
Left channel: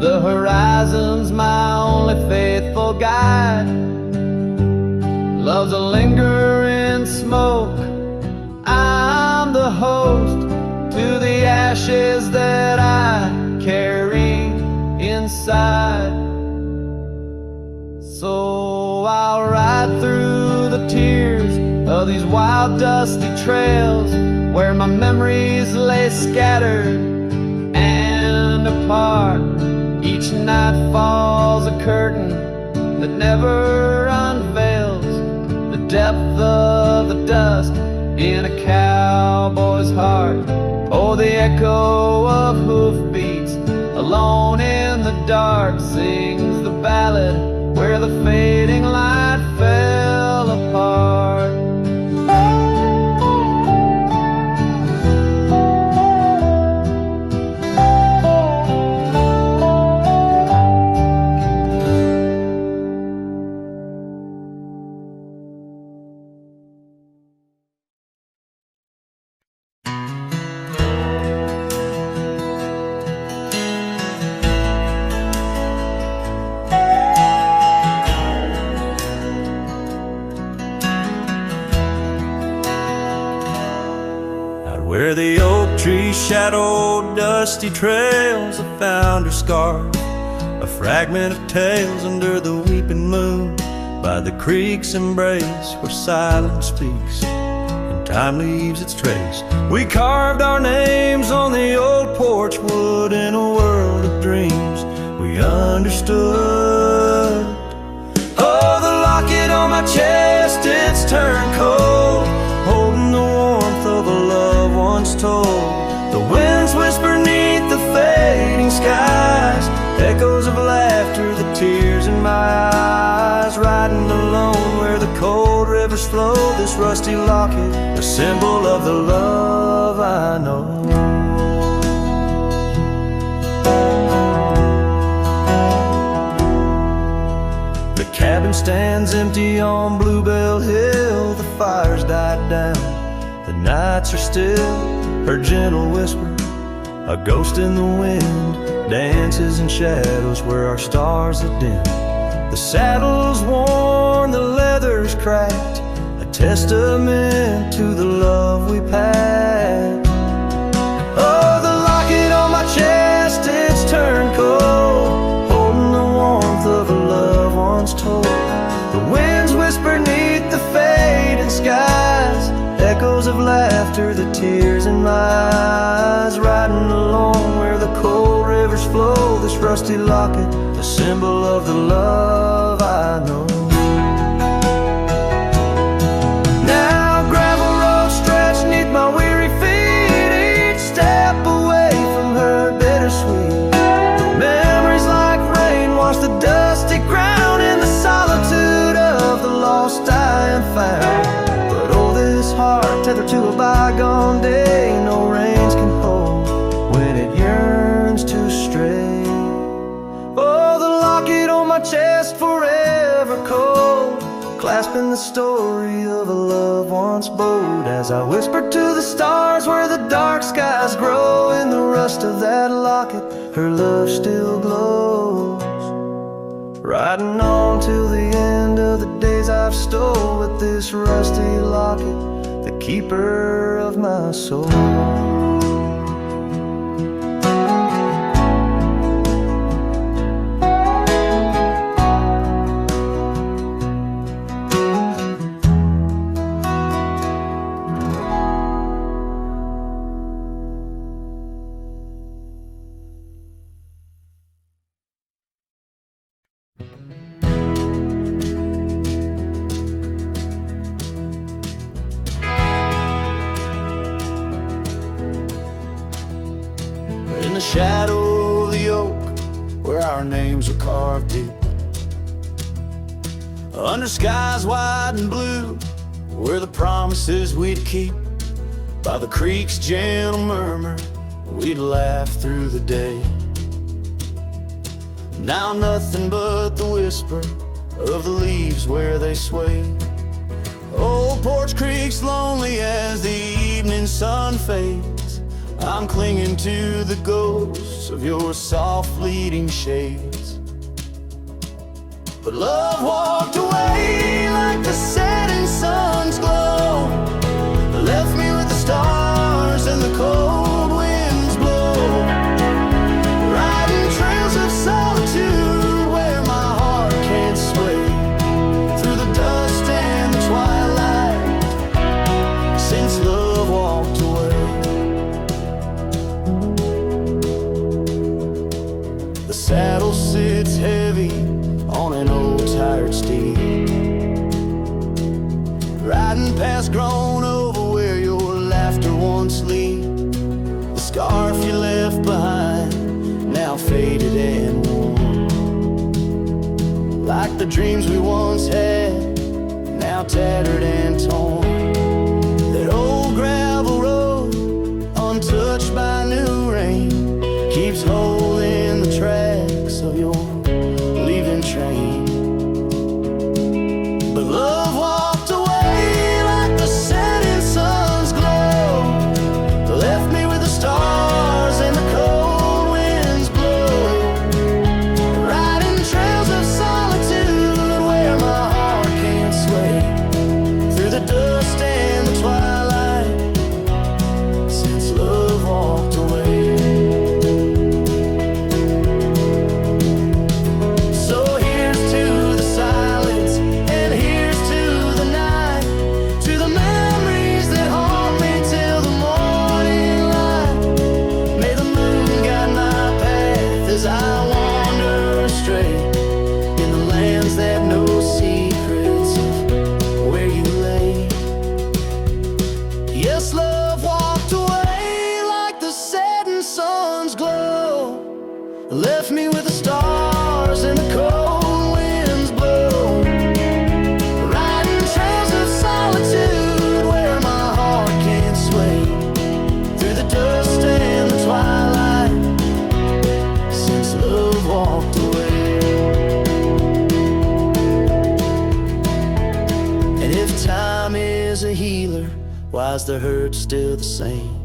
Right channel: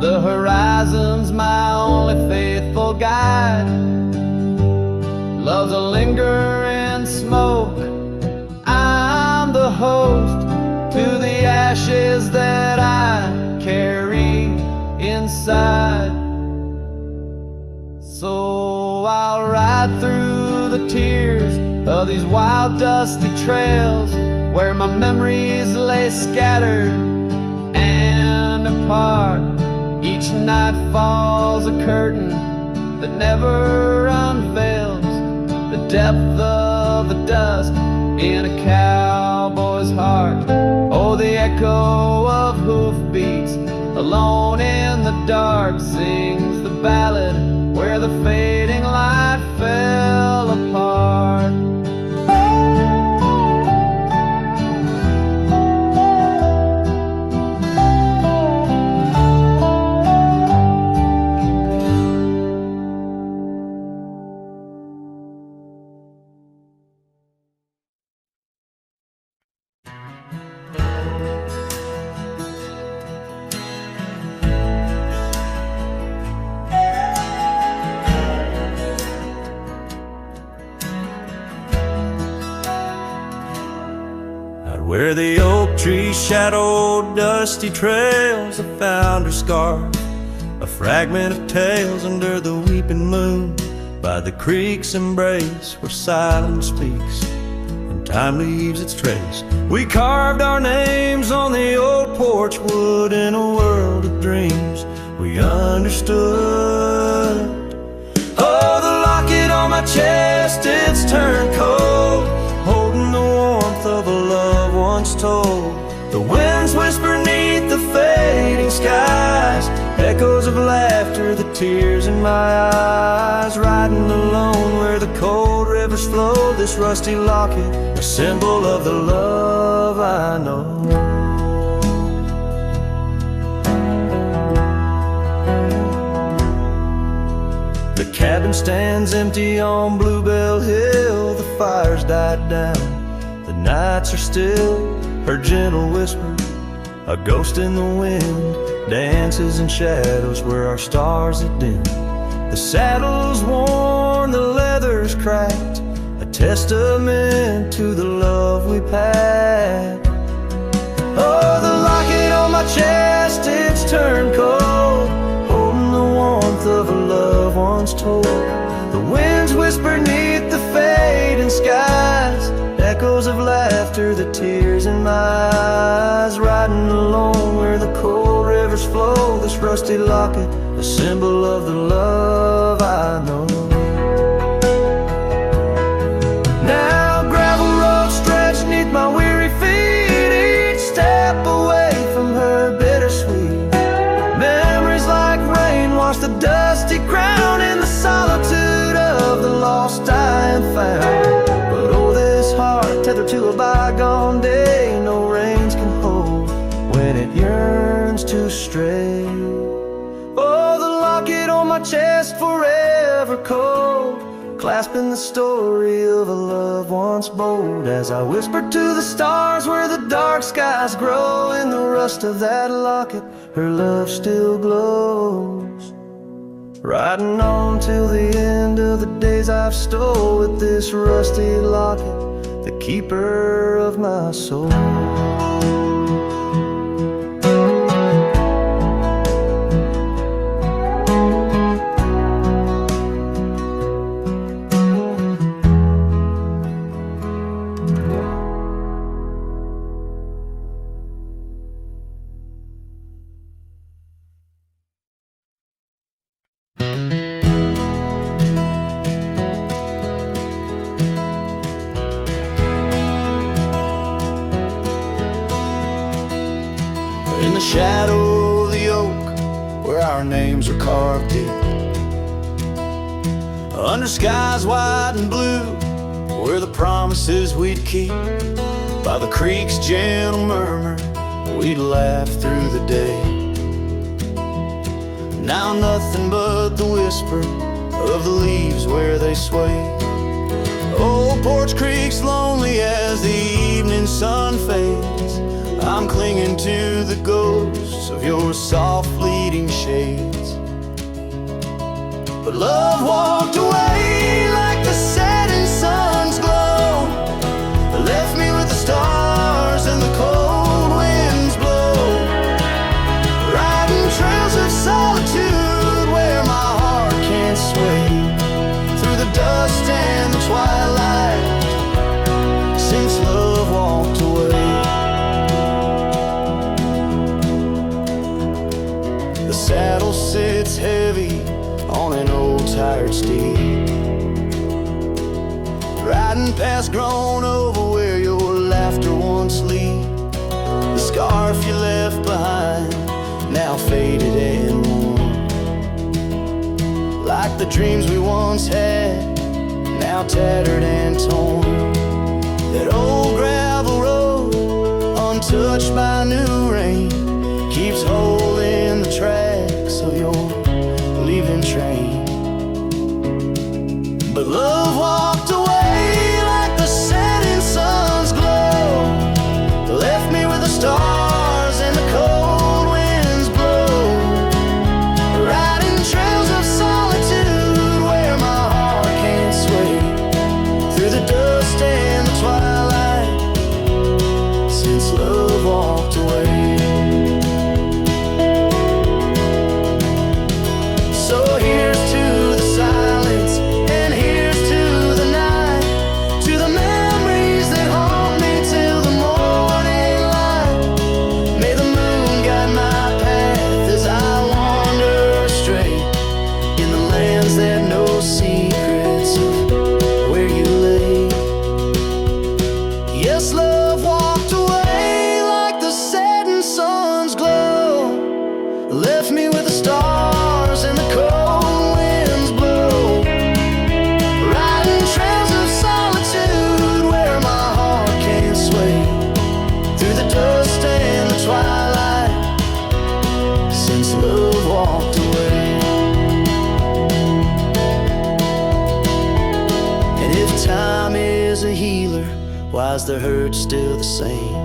The horizon's my only faithful guide. Love's a lingering smoke, I'm the host to the ashes that I carry inside. So I'll ride through the tears of these wild dusty trails where my memories lay scattered and apart. Each night falls a curtain that never unveils the depth of the dust in a cowboy's heart. Oh, the echo of hoofbeats alone in the dark sings the ballad where the fading light fell apart. Where the oak tree shadowed dusty trails, I found her scarf, a fragment of tales under the weeping moon, by the creek's embrace where silence speaks and time leaves its trace. We carved our names on the old porch wood in a world of dreams we understood. Oh, the locket on my chest, it's turned cold, holding the warmth of a love once told. The winds whisper neath the fading skies, echoes of laughter, the tears in my eyes. Riding alone where the cold rivers flow, this rusty locket, a symbol of the love I know. The cabin stands empty on Bluebell Hill, the fire's died down, the nights are still. Her gentle whisper, a ghost in the wind, dances in shadows where our stars are dim. The saddle's worn, the leather's cracked, a testament to the love we packed. Oh, the locket on my chest, it's turned cold, holding the warmth of a love once told. The winds whisper neath the fading skies, echoes of laughter, the tears in my eyes. Riding alone where the cold rivers flow, this rusty locket, a symbol of the love I know. Now gravel roads stretch neath my weary feet, each step away from her bittersweet. Memories like rain wash the dusty ground in the solitude of the lost I am found. But oh, this heart tethered to a bygone day, no reins can hold when it yearns to stray. Oh, the locket on my chest forever cold, clasping the story of a love once bold, as I whisper to the stars where the dark skies grow. In the rust of that locket, her love still glows. Riding on till the end of the days I've stole, with this rusty locket, the keeper of my soul. In the shadow of the oak, where our names are carved deep, under skies wide and blue, were the promises we'd keep. By the creek's gentle murmur, we'd laugh through the day. Now nothing but the whisper of the leaves where they sway. Old Porch Creek's lonely as the evening sun fades. I'm clinging to the ghosts of your soft fleeting shades. But love walked away like the setting sun's glow, left me with the stars and the cold winds blow, riding trails of solitude where my heart can't sway, through the dust and the twilight, since love walked away. The saddle sits heavy on an old tired steed, riding past grown over where your laughter once lead. The scarf you left behind, now faded and worn, like the dreams we once had, now tattered and torn. That old gravel road, untouched by new rain, keeps holding the tracks of your leaving train. But love walked away like the setting sun's glow, left me with the stars and the cold winds blow, riding trails of solitude where my heart can't sway, through the dust and the twilight, since love walked away. So here's to the silence, and here's to the night, to the memories that haunt me till the morning light. May the moon guide my path as I wander astray, in the lands that know secrets of where you lay. Yes, love walked away like the setting sun's glow, left me with the stars and the cold winds blow, riding trails of solitude where my heart can't sway, through the dust and the twilight, since love walked away. And if time is a healer, why's the hurt still the same?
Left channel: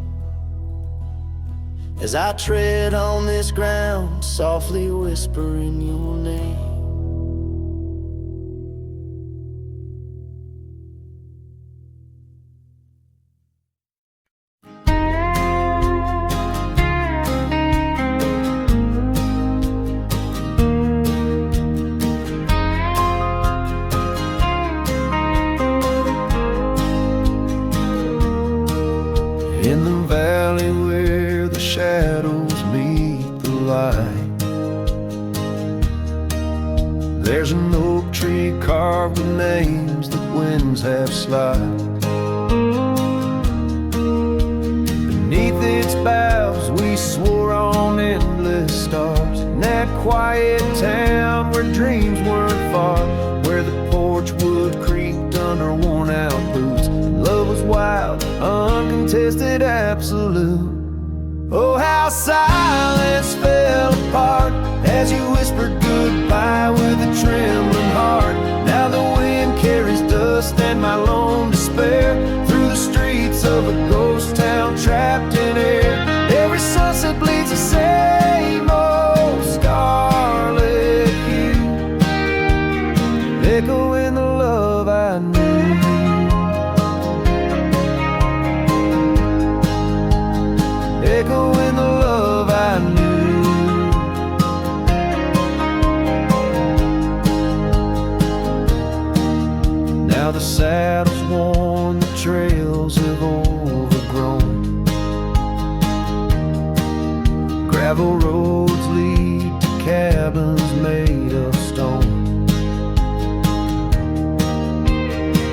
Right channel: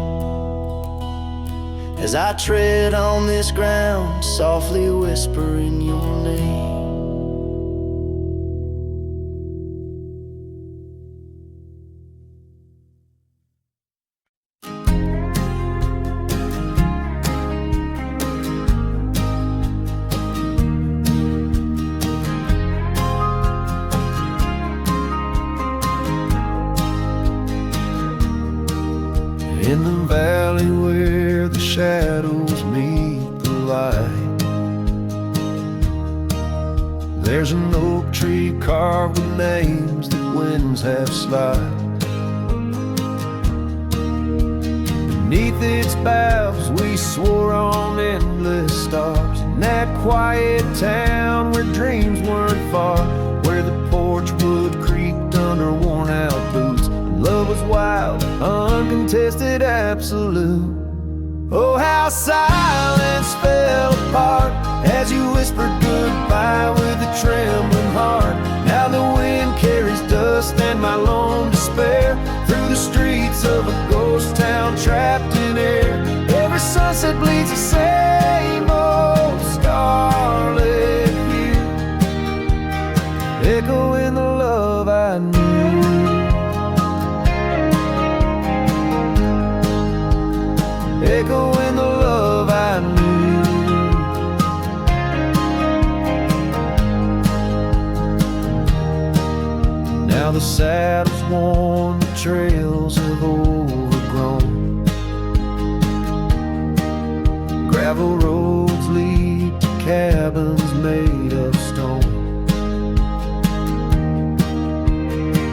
As I tread on this ground, softly whispering your name. In the valley where the shadows meet the light, there's an oak tree carved with names that winds have slide. Beneath its boughs we swore on endless stars, in that quiet town where dreams weren't far, where the porch wood creaked under worn out boots, and love was wild, uncontested, absolute. Oh, how silence fell apart as you whispered goodbye by with a trembling heart. Now the wind carries dust and my lone despair through the streets of a ghost town trapped in air. Every sunset bleeds the same old scarlet hue, echoing the love I knew. Echoing the love I knew. Now the saddle's worn, the trails have overgrown. Gravel roads lead to cabins made of stone.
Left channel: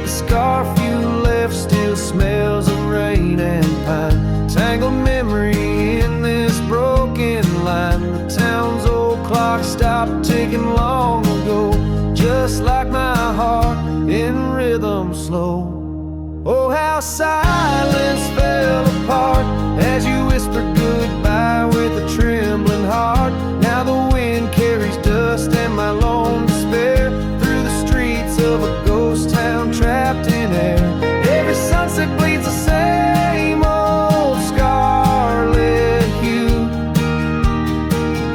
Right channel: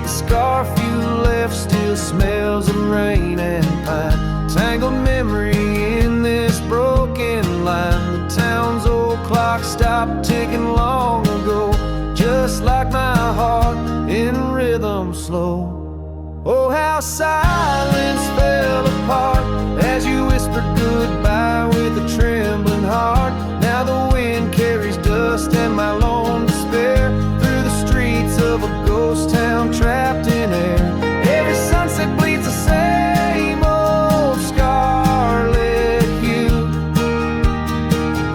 The scarf you left still smells of rain and pine, tangled memory in this broken line. The town's old clock stopped ticking long ago, just like my heart in rhythm slow. Oh, how silence fell apart as you whispered goodbye with a trembling heart. Now the wind carries dust and my lone despair through the streets of a ghost town trapped in air. Every sunset bleeds the same old scarlet hue,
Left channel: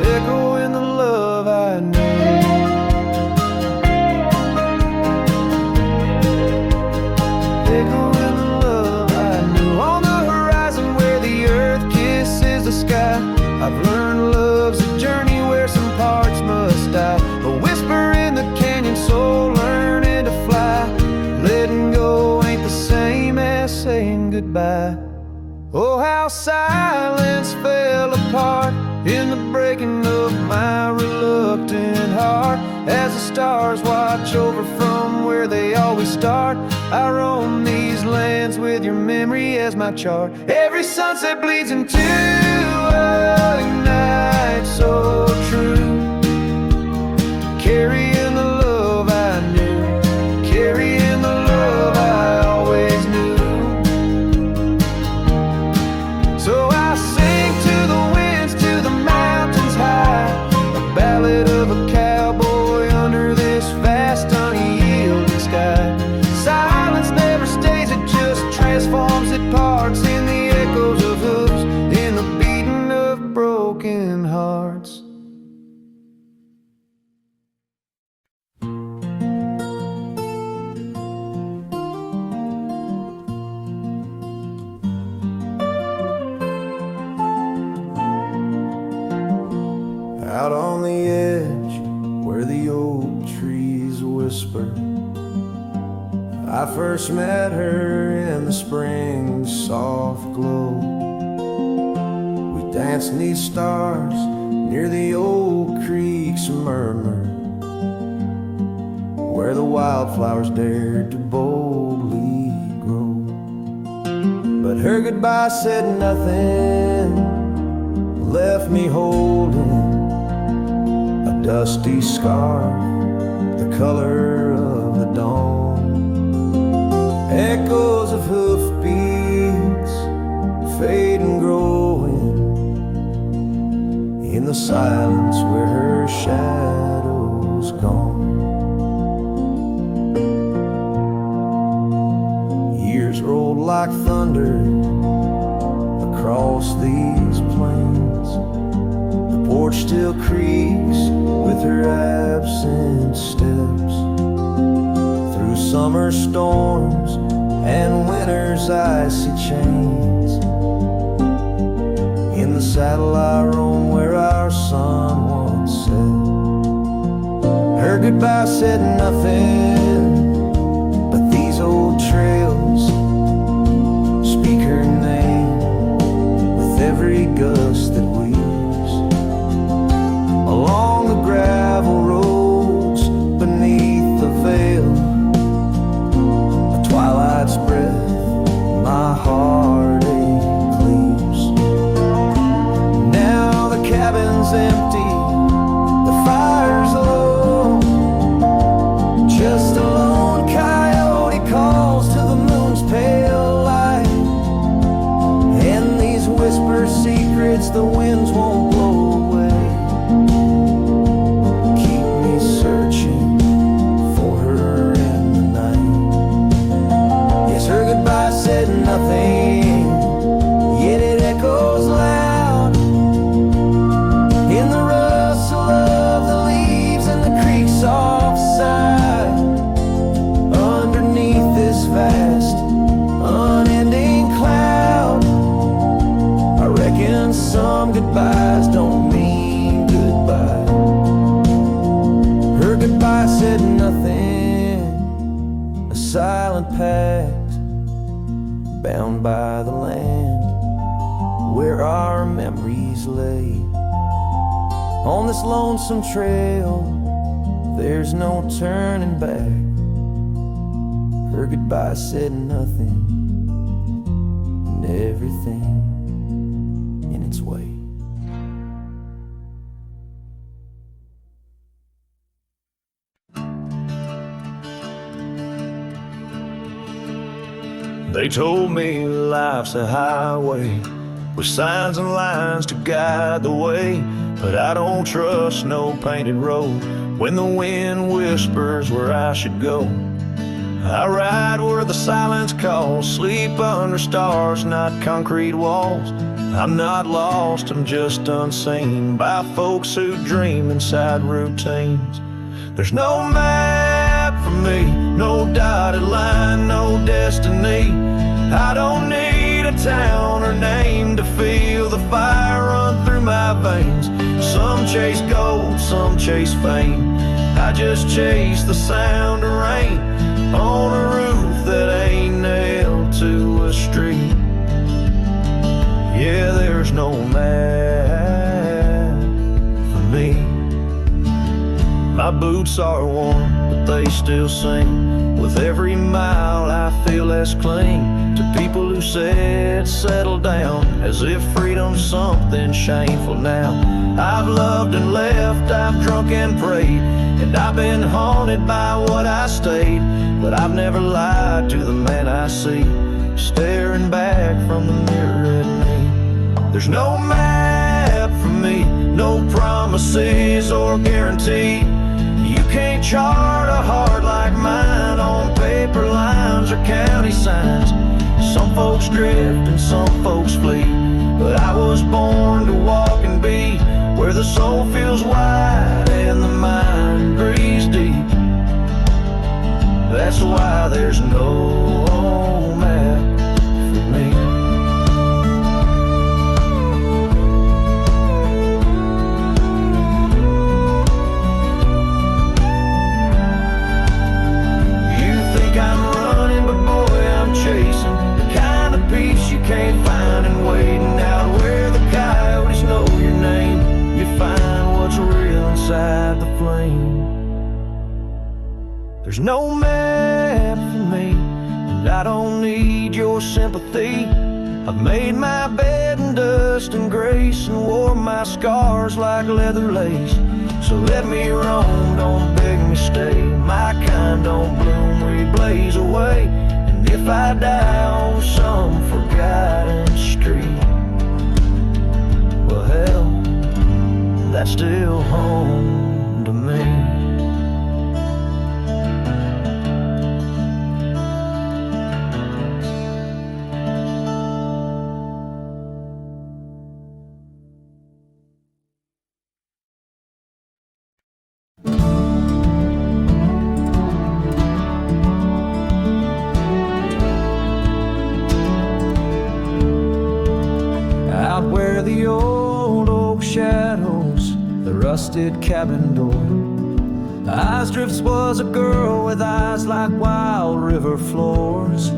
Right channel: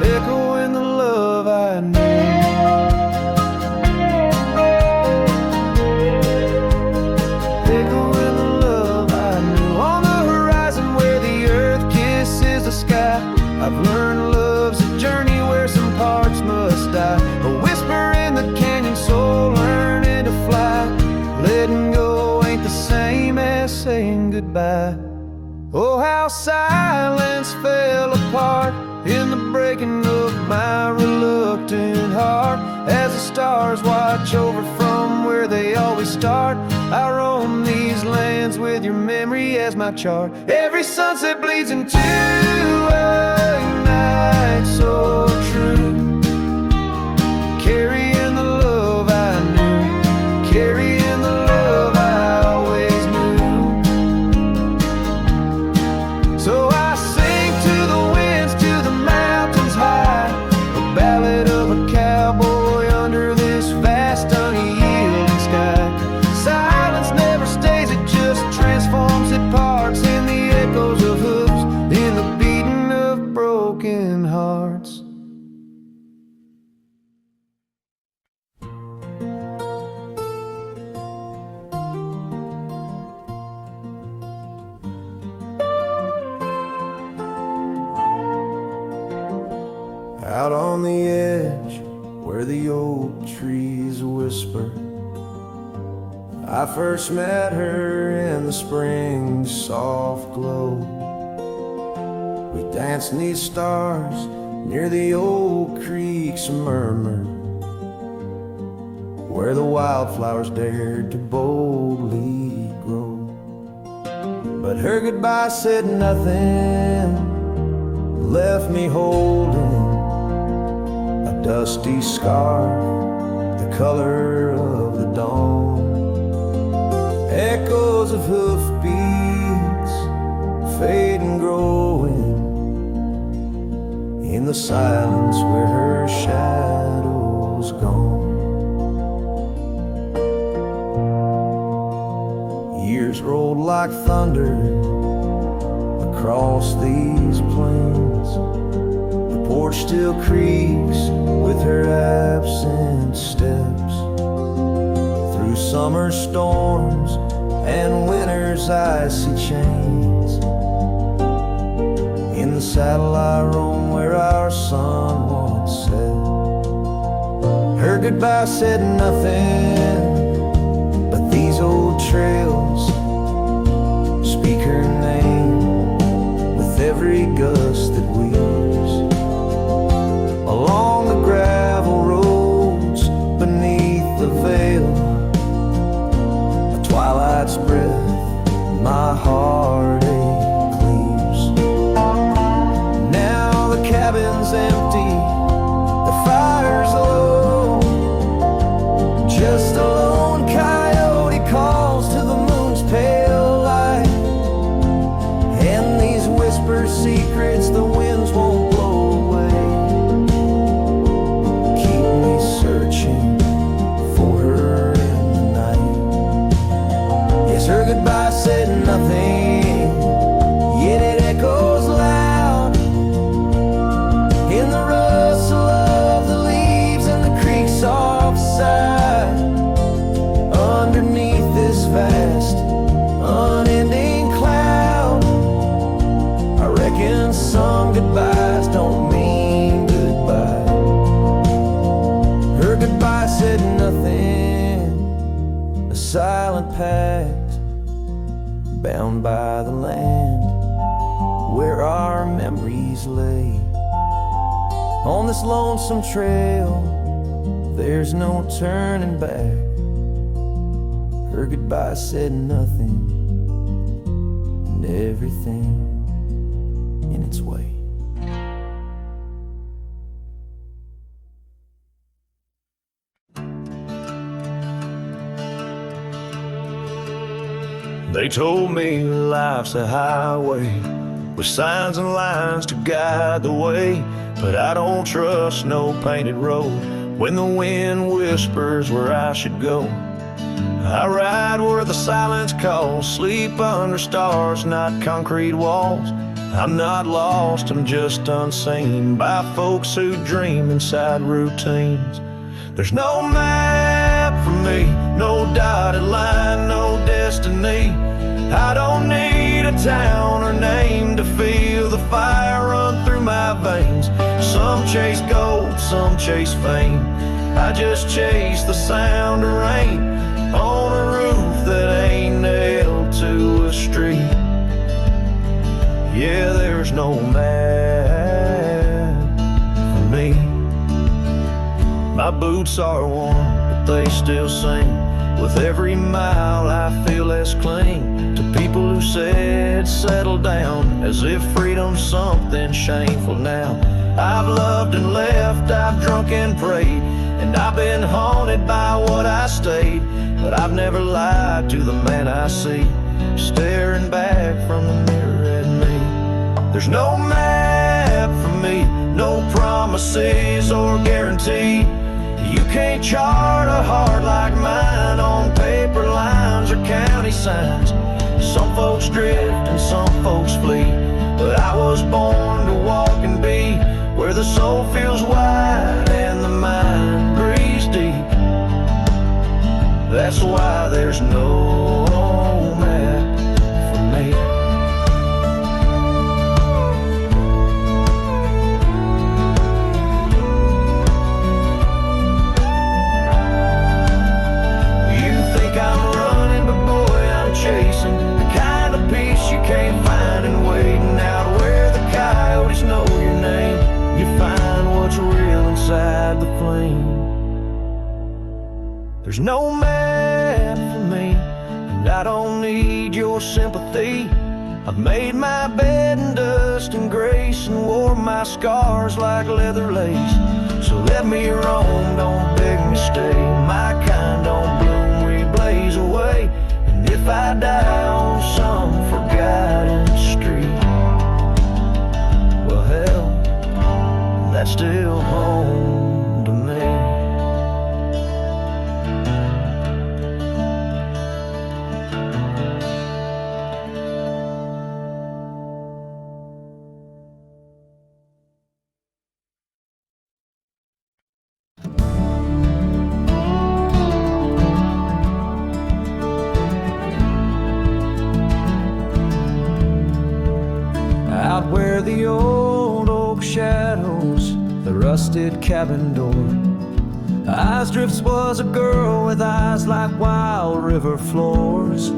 echoing the love I knew. Echoing the love I knew. On the horizon where the earth kisses the sky, I've learned love's a journey where some parts must die. A whisper in the canyon, soul learning to fly. Letting go ain't the same as saying goodbye. Oh, how silence fell apart in the breaking of my reluctant heart. As the stars watch over from where they always start, I roam these lands with your memory as my chart. Every sunset bleeds into a night so true, carrying the love I knew, carrying the love I always knew. So I sing to the winds, to the mountains high, a ballad of a cowboy under this vast unyielding sky. Silence never stays, it just transforms, it parts in the echoes of hooves, in the beating of broken hearts. Out on the edge where the oak trees whisper, I first met her in the spring's soft glow. We danced 'neath stars near the old creek's murmur, where the wildflowers dared to boldly grow. But her goodbye said nothing, left me holding a dusty scarf, the color of the dawn. Echoes of hoofbeats fade and growing in the silence where her shadow's gone. Years rolled like thunder across these plains. The porch still creaks with her absent steps. Through summer storms and winter's icy chains, in the saddle I roam where our sun once set. Her goodbye said nothing, but these old trails speak her name with every gust that weaves. Along the gravel roads beneath the veil, a twilight's breath my heartache cleaves. Now the cabin's empty, the fire's low, just a lone coyote calls to the moon's pale light. And these whisper secrets the winds won't blow away, keep me rain, yet it echoes loud in the rustle of the leaves and the creek's soft sigh. Underneath this vast, unending cloud, I reckon some goodbyes don't mean goodbye. Her goodbye said nothing, a silent pact bound by the land where our memories lay. On this lonesome trail, there's no turning back. Her goodbye said nothing, and everything in its way. They told me life's a highway with signs and lines to guide the way, but I don't trust no painted road when the wind whispers where I should go. I ride where the silence calls, sleep under stars, not concrete walls. I'm not lost, I'm just unseen by folks who dream inside routines. There's no map for me, no dotted line, no destiny. I don't need a town or name to feel the fire run through my veins. Some chase gold, some chase fame. I just chase the sound of rain on a roof that ain't nailed to a street. Yeah, there's no map for me. My boots are worn, but they still sing. With every mile I feel less cling to people who said settle down, as if freedom's something shameful now. I've loved and left, I've drunk and prayed, and I've been haunted by what I stayed. But I've never lied to the man I see, staring back from the mirror at me. There's no map for me, no promises or guarantee. You can't chart a heart like mine on paper lines or county signs. Some folks drift and some folks flee, but I was born to walk and be where the soul feels wide and the mind breathes deep. That's why there's no map for me. I'm running, but boy, I'm chasing the kind of peace you can't find in waiting out where the coyotes know your name. You find what's real inside the flame. There's no map for me, and I don't need your sympathy. I've made my bed in dust and grace and wore my scars like leather lace. So let me roam, don't beg me stay. My kind don't bloom, we blaze away. And if I die on some forgotten street, well hell, that's still home to me. Out where the old oak shadows the rusted cabin door, Eyes Drifts was a girl with eyes like wild river floors.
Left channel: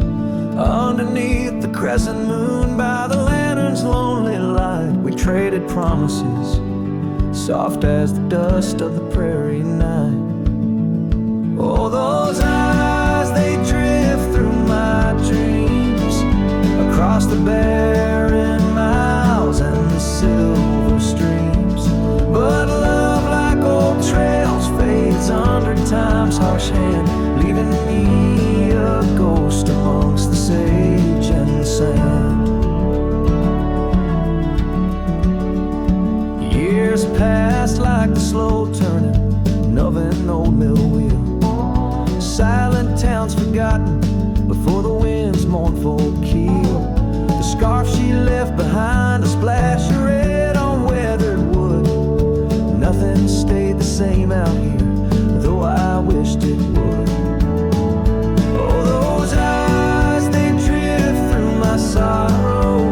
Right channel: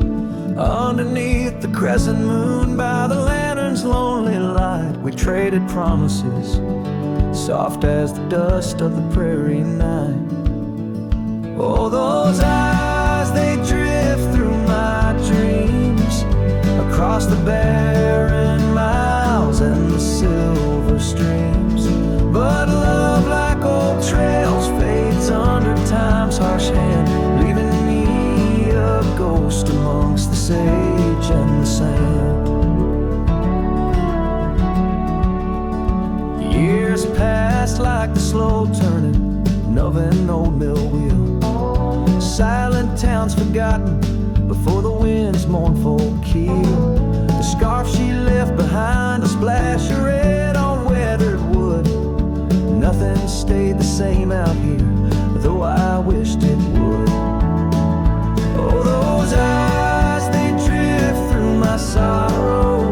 Underneath the crescent moon by the lantern's lonely light, we traded promises, soft as the dust of the prairie night. Oh, those eyes, they drift through my dreams, across the barren miles and the silver streams. But love, like old trails, fades under time's harsh hand, leaving me a ghost amongst the sage and the sand. Years passed like the slow turning of an old mill wheel. Silent towns forgotten, before the wind's mournful keel. The scarf she left behind, a splash of red on weathered wood. Nothing stayed the same out here, though I wished it would. Oh, those eyes, they drift through my sorrow,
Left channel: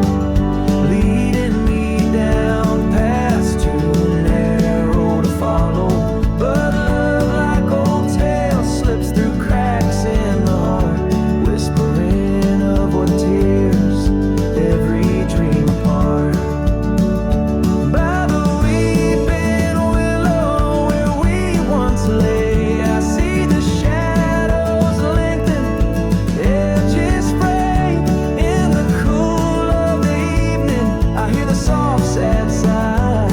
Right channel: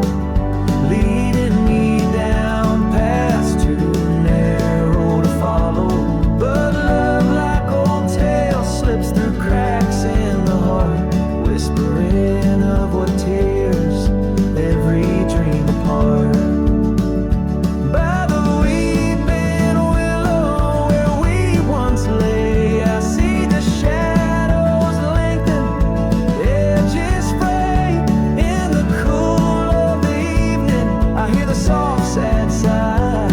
leading me down paths too narrow to follow. But love, like old tales, slips through cracks in the heart, whispering of what tears every dream apart. By the weeping willow where we once lay, I see the shadows lengthen, edges fray. In the cool of the evening, I hear the soft sad sigh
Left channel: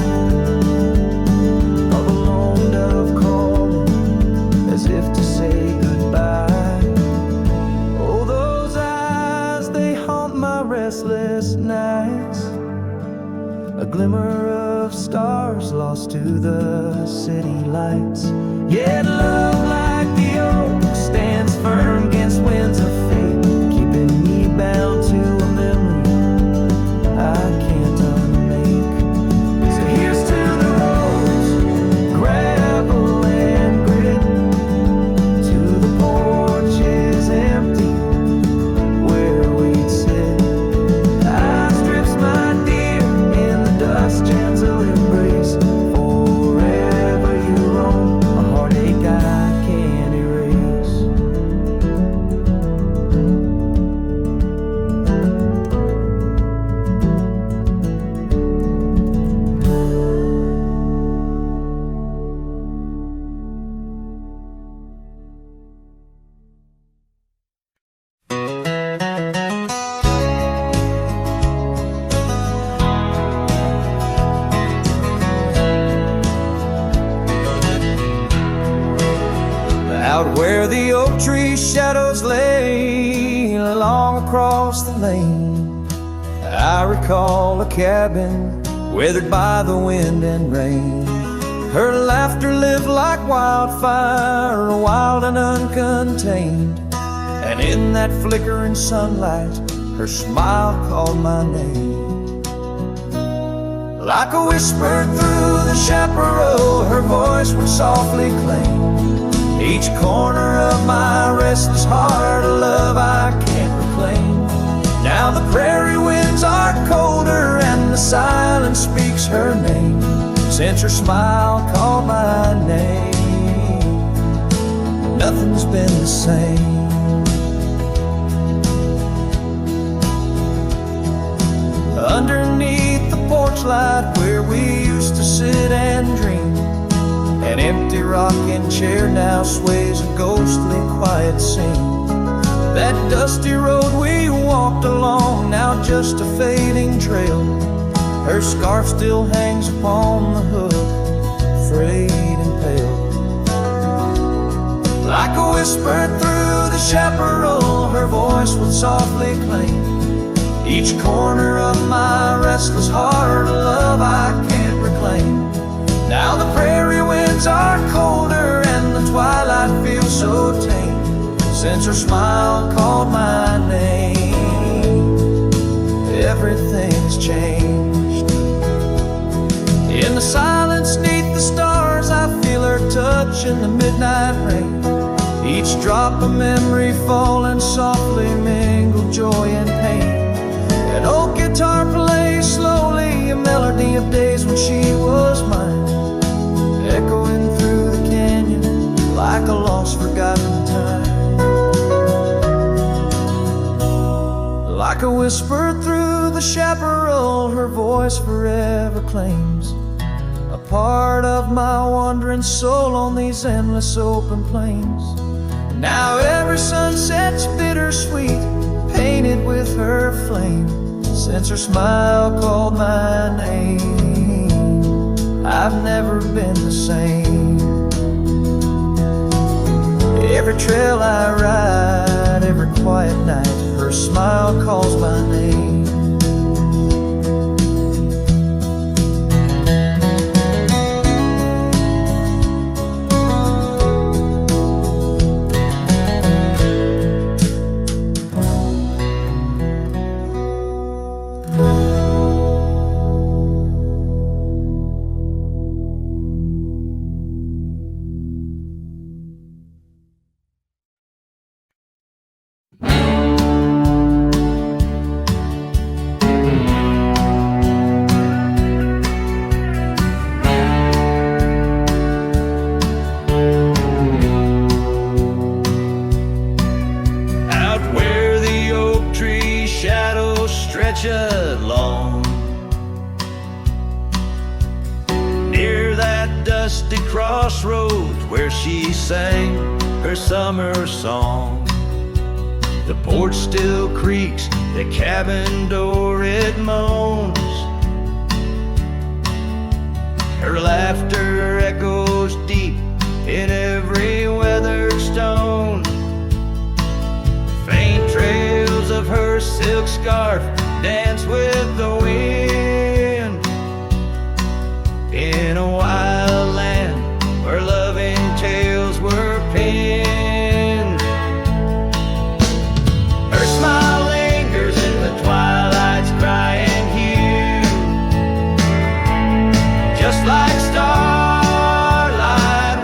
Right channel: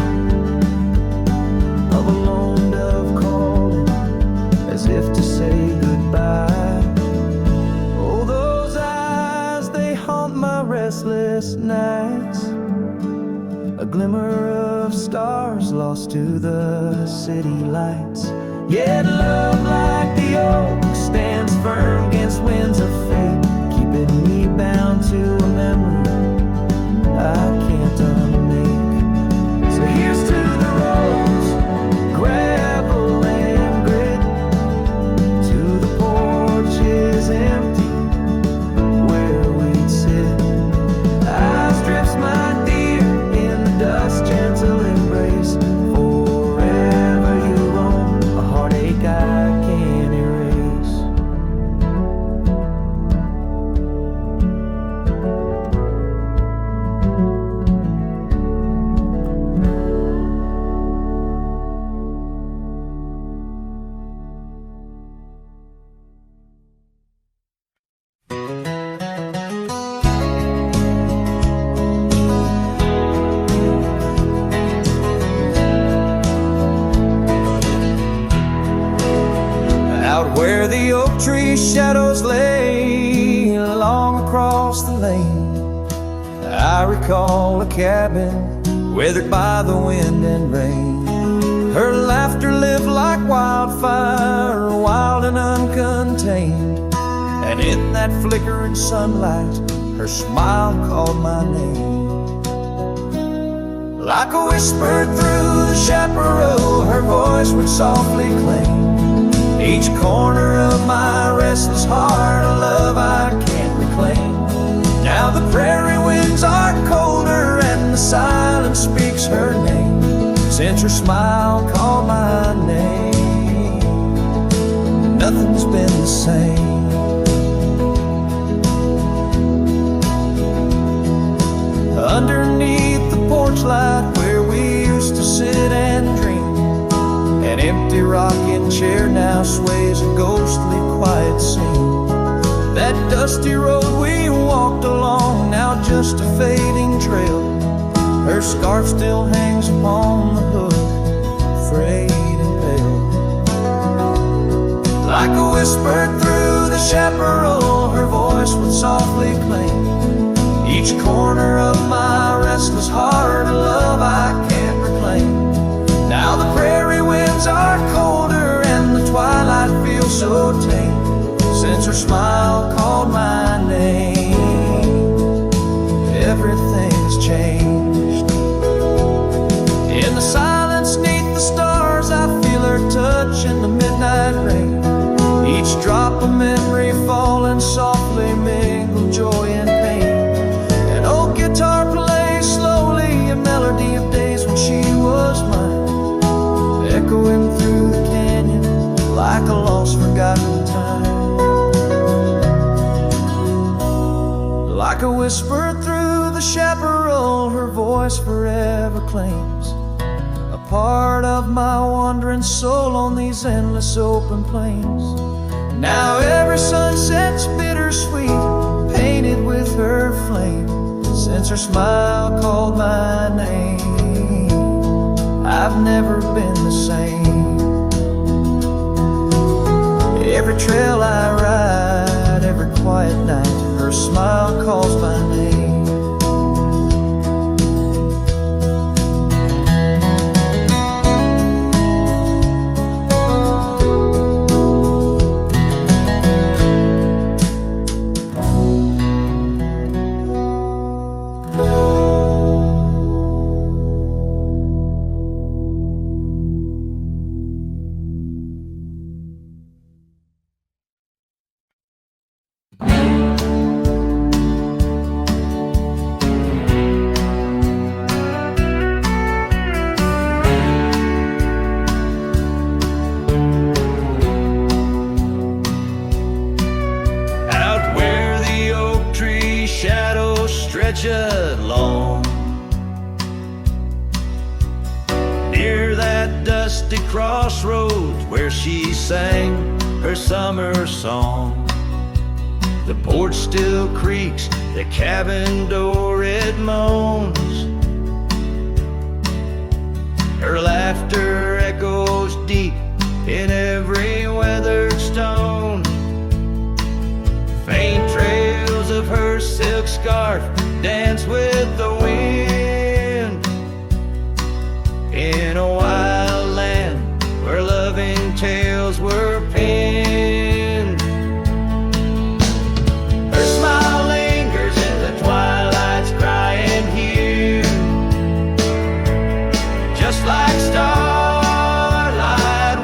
of a lone dove calling, as if to say goodbye. Oh, those eyes, they haunt my restless nights, a glimmer of stars lost to the city lights. Yet love, like the oak, stands firm against winds of fate, keeping me bound to a memory I can't unmake. So here's to the roads, gravel and grit, to the porches empty where we'd sit. Outstrips my dear in the dust, gentle embrace. Forever you roam, a heartache I can't erase. Out where the oak tree shadows lay along across the lane, I recall a cabin weathered by the wind and rain. Her laughter lived like wildfire, wild and uncontained, and in that flickering sunlight, her smile called my name. Like a whisper through the chaparral, her voice would softly claim each corner of my restless heart, a love I can't reclaim. Now the prairie winds are colder and the silence speaks her name, since her smile called my name. Nothing's been the same. Underneath the porch light where we used to sit and dream, an empty rocking chair now sways a ghostly quiet scene. That dusty road we walked along, now just a fading trail. Her scarf still hangs upon the hook, frayed and pale. Like a whisper through the chaparral, her voice would softly claim each corner of my restless heart, a love I can't reclaim. Now the prairie winds are colder and the twilight feels so tame, since her smile called my name. Everything has changed. In the silence neath the stars, I feel her touch in the midnight rain. Each drop of memory falling softly mingled joy and pain. An old guitar plays slowly a melody of days when she was mine, echoing through the canyon like a lost forgotten time. Like a whisper through the chaparral, her voice forever claims a part of my wandering soul on these endless open plains. Now every sunset's bittersweet, painted with her flame, since her smile called my name. I've never been the same. Every trail I ride, every quiet night, her smile calls my name. meadow stretched long. Near that dusty crossroads where she sang her summer song. The porch still creaks, the cabin door it moans. Her laughter echoes deep in every weathered stone. Faint trails of her silk scarf dance with the wind. In a wild land where loving tales were penned. Her smile lingers in the twilight's crying hue, just like starlight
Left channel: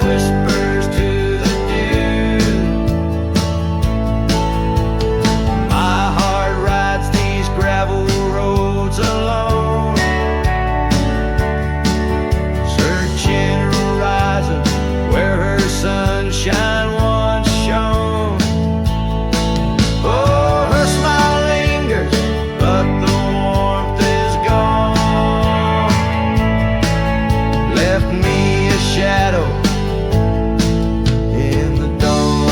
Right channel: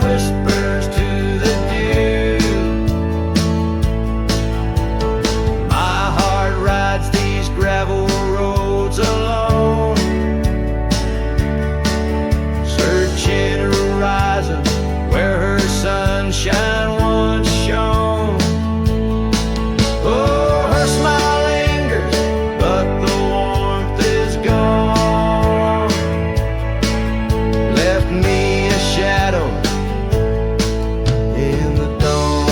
whispers to the dew. My heart rides these gravel roads alone, searching horizons where her sunshine once shone. Oh, her smile lingers, but the warmth is gone. Left me a shadow in the dawn.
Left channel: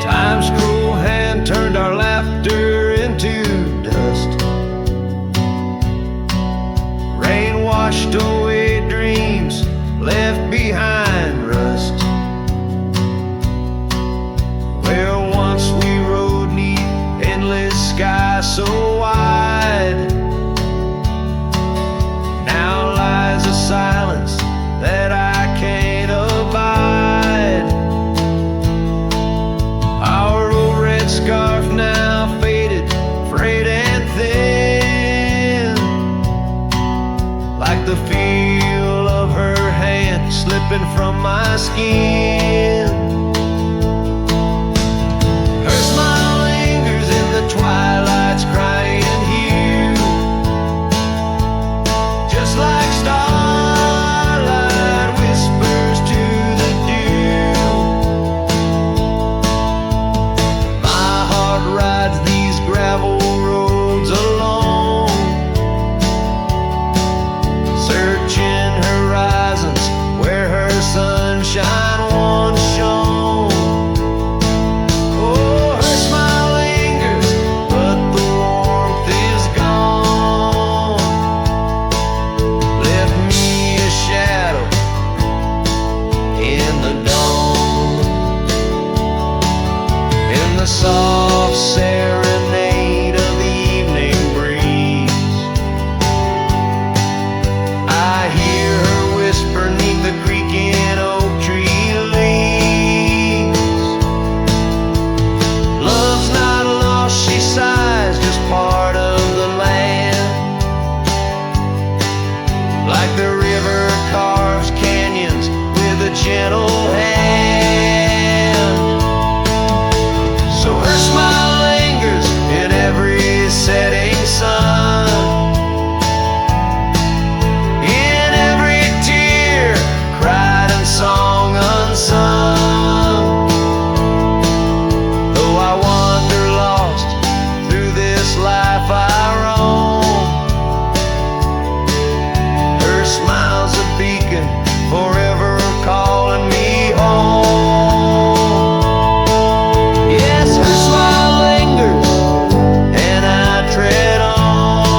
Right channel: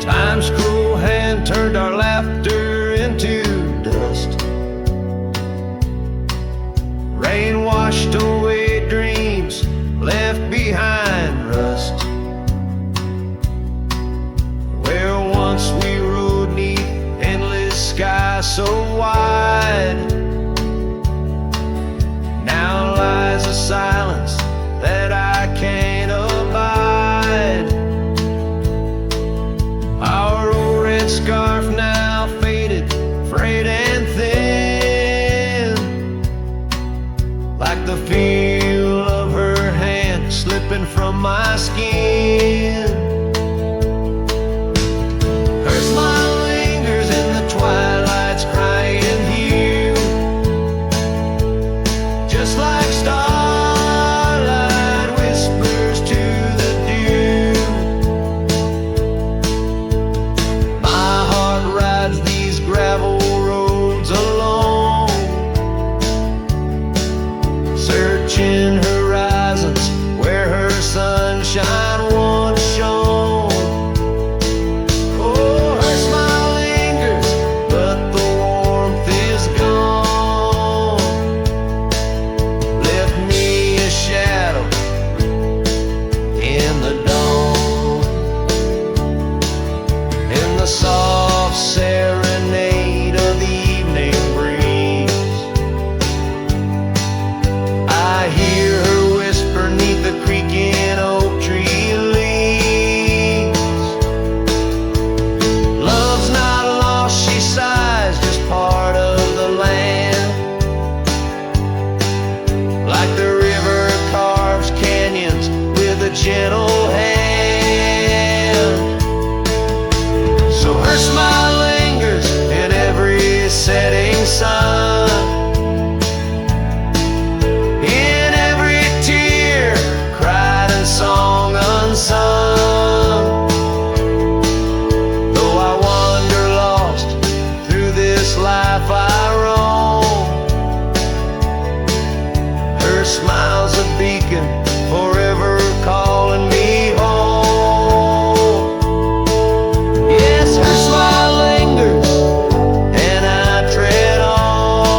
Time's cruel hand turned our laughter into dust. Rain washed away dreams, left behind rust. Where once we rode neath endless sky so wide, now lies a silence that I can't abide. Our old red scarf now faded, frayed and thin, like the feel of her hand slipping from my skin. Her smile lingers in the twilight's crying hue, just like starlight whispers to the dew. My heart rides these gravel roads alone, searching horizons where her sunshine once shone. Oh, her smile lingers, but the warmth is gone. Left me a shadow in the dawn. In the soft serenade of the evening breeze, I hear her whisper neath the creaking oak tree leaves. Love's not lost, she sighs, just part of the land. Like the river carves canyons with a gentle hand. So her smile lingers in every setting sun, in every tear cried and song unsung. Though I wander lost through this life I roam, her smile's a beacon forever calling me home. Yes, her smile lingers and I tread on.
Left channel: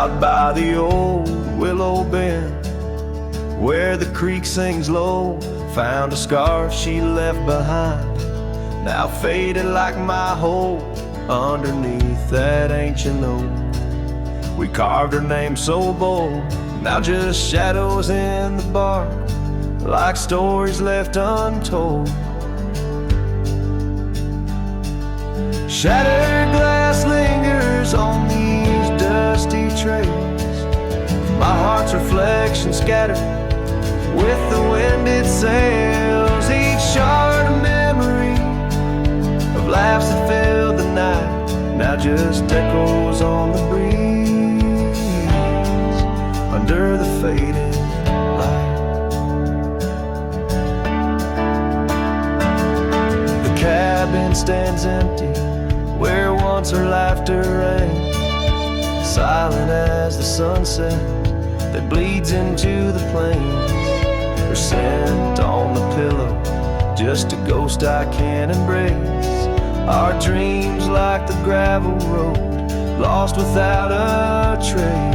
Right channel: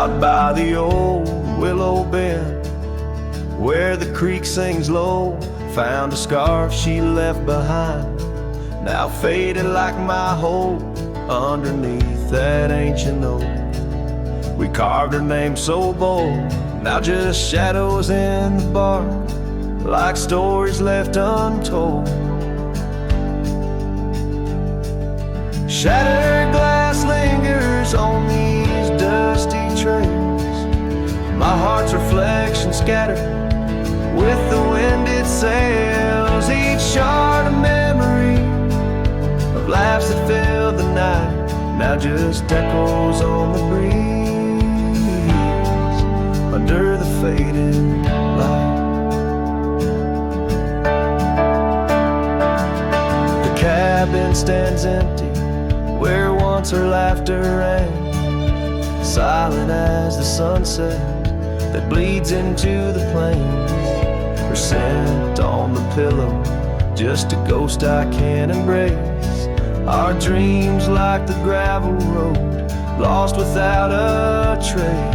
out by the old willow bend, where the creek sings low. Found a scarf she left behind, now faded like my hope, underneath that ancient oak. We carved her name so bold, now just shadows in the bark, like stories left untold. Shattered glass lingers on these dusty trails, my heart's reflection scattered with the wind it sails. Each shard a memory of laughs that filled the night, now just echoes on the breeze under the fading light. The cabin stands empty where once her laughter rang, silent as the sunset that bleeds into the plains. Her scent on the pillow, just a ghost I can't embrace. Our dreams like the gravel road, lost without a trace.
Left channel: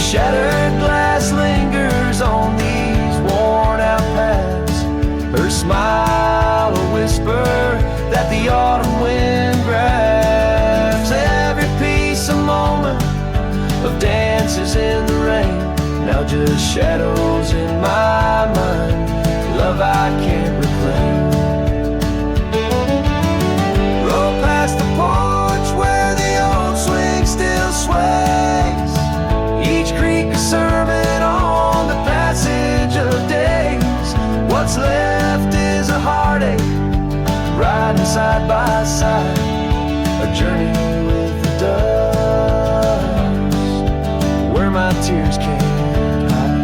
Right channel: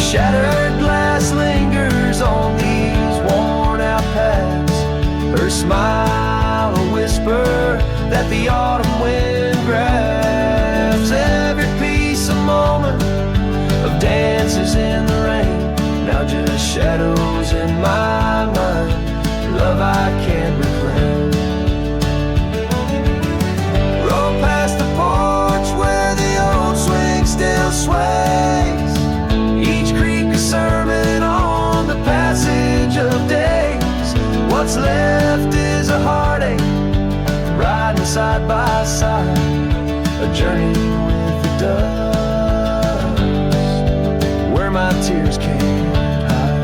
Shattered glass lingers on these worn out paths, her smile a whisper that the autumn wind grabs. Every piece a moment of dances in the rain, now just shadows in my mind, love I can't reclaim. Roll past the porch where the old swing still sways, each creek a sermon on the passage of days. What's left is a heartache, riding side by side, a journey with the dust, where my tears can't hide.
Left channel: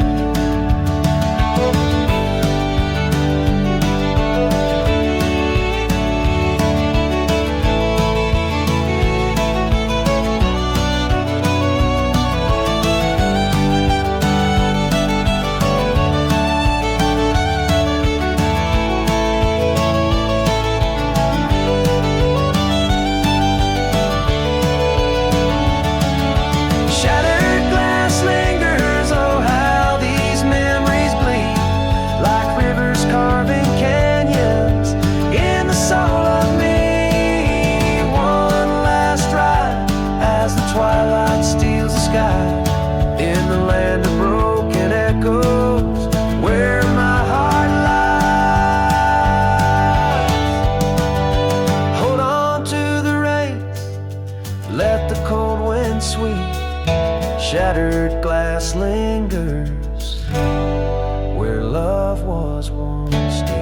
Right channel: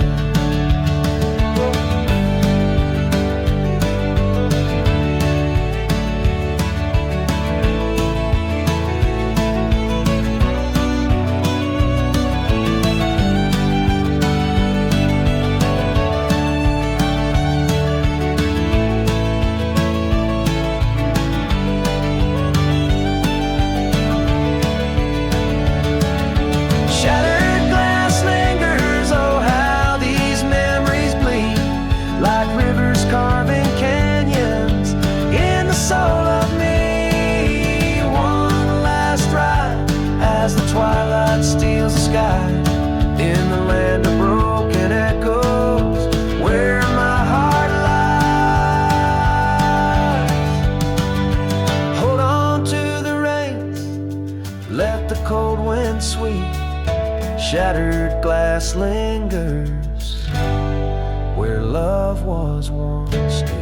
Carving canyons in the soul of me. One last ride as the twilight steals the sky, in the land of broken echoes where my heart lies. Hold on to the reins, let the cold wind sweep. Shattered glass lingers where love was once deep.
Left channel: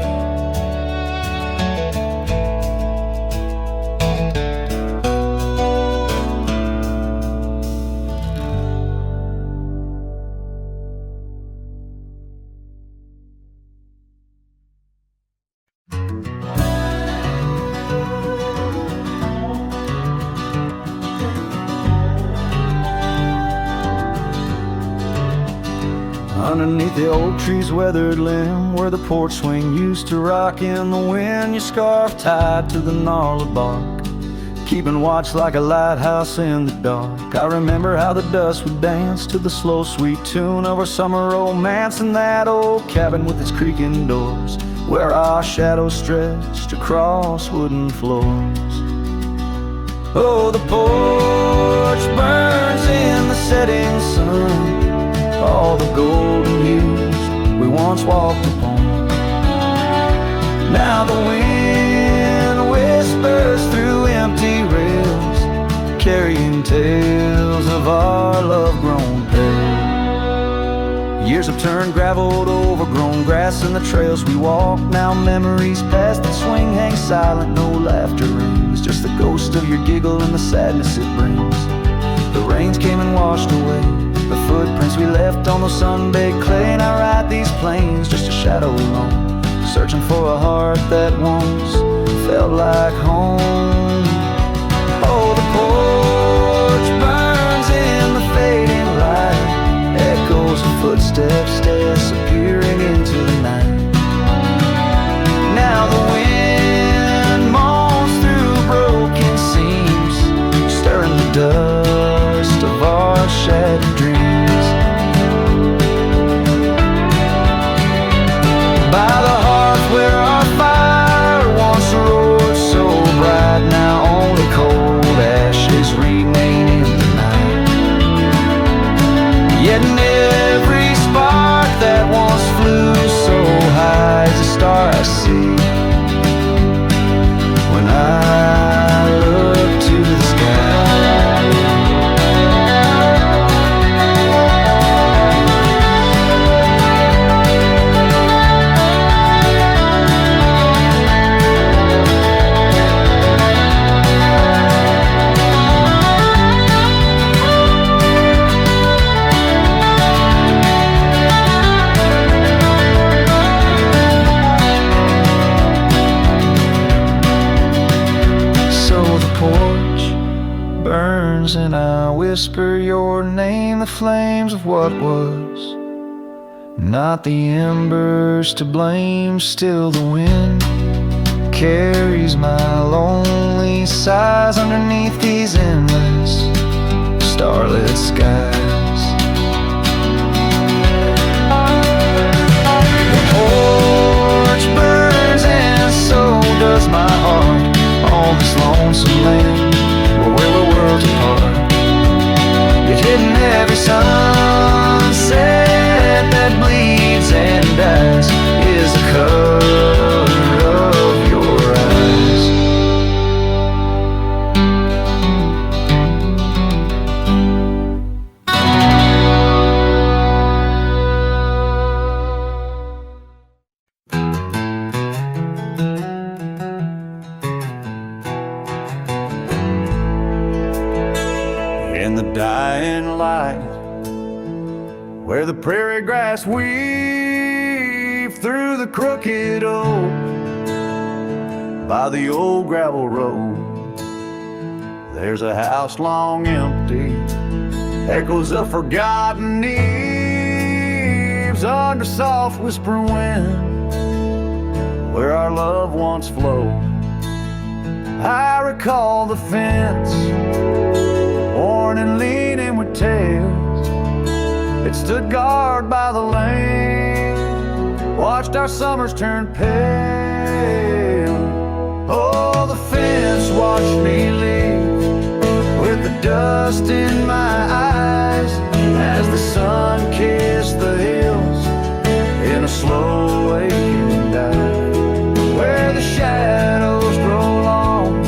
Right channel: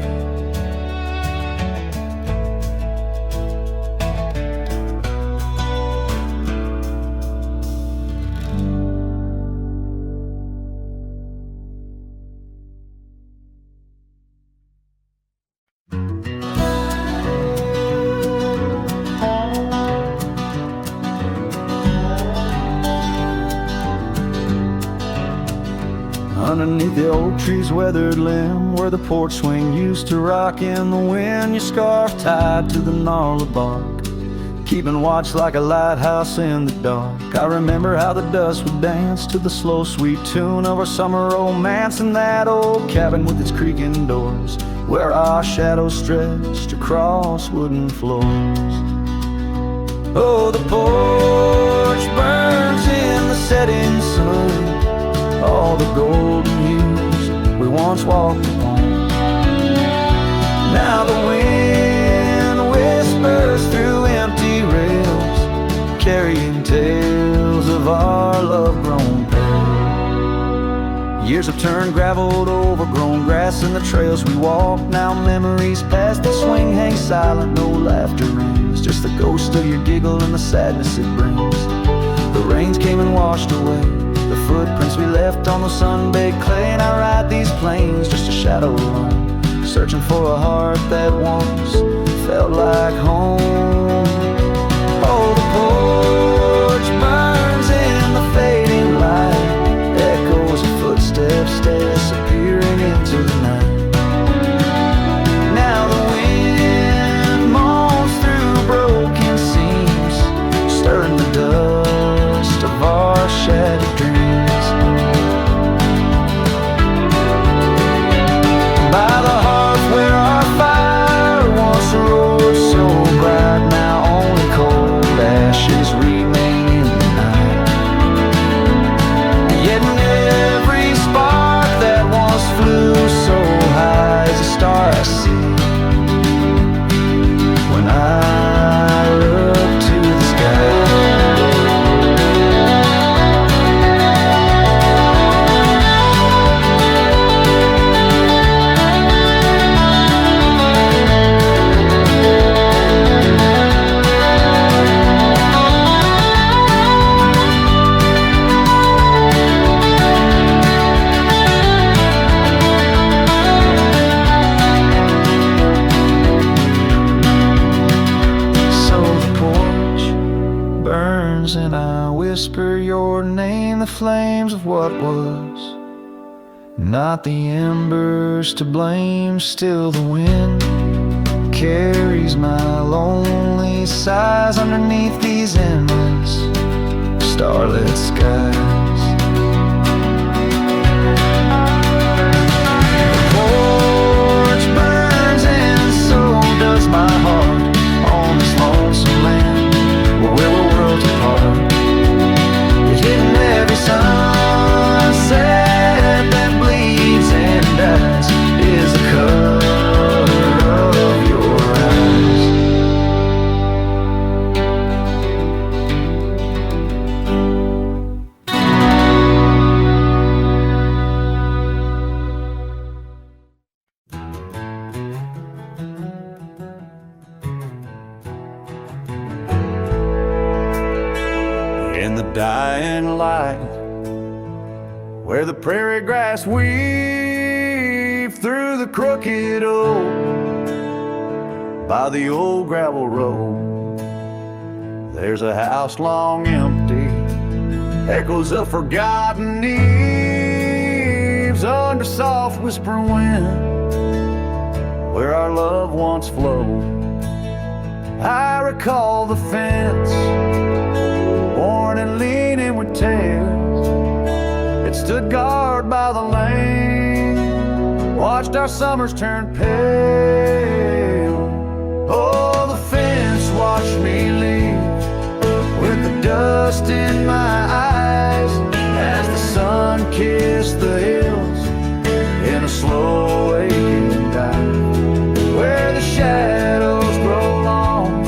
Underneath the oak tree's weathered limb, where the porch swing used to rock in the wind, your scarf tied to the gnarled bark, keeping watch like a lighthouse in the dark. I remember how the dust would dance to the slow sweet tune of our summer romance in that old cabin with its creaking doors, where our shadows stretched across wooden floors. Oh, the porch burns in the setting sun, all the golden years we once walked upon. Now the wind whispers through empty rails, carrying tales of our love-grown pale. Years have turned gravel to overgrown grass, and the trails we walk, now memories past that swing hang silent, no laughter rings, just the ghost of your giggle and the sadness it brings. The rains came and washed away the footprints we left on the sun-baked clay, and I ride these plains just a shadow alone, searching for a heart that once felt like home. Oh, the porch burns in the fading light, echoes of footsteps disappearing into the night. Now the wind moans through broken seams, stirring the dust of our shattered dreams. By the hearth where our fire once roared so bright, now only cold ashes remain in the night. Yet in every spark that once flew so high is a star I see when I look to the sky. So the porch burns and I whisper your name, the flames of what was. Not the embers to blame, still the wind carries my lonely sighs underneath these endless starlit skies. The porch burns and so does my heart on this lonesome land where we're worlds apart. Yet hidden every sunset that bleeds and dies is the color of your eyes. In the dying light, where the prairie grass weaves through the crooked oak, by the old gravel road, there's a house long empty, echoes of forgotten eves under soft whispering wind, where our love once flowed. I recall the fence, worn and leaning with tails. It stood guard by the lane, watched our summers turn pale. Oh, the fence watched me leave with the dust in my eyes as the sun kissed the hills in a slow waking dive, where the shadows grow long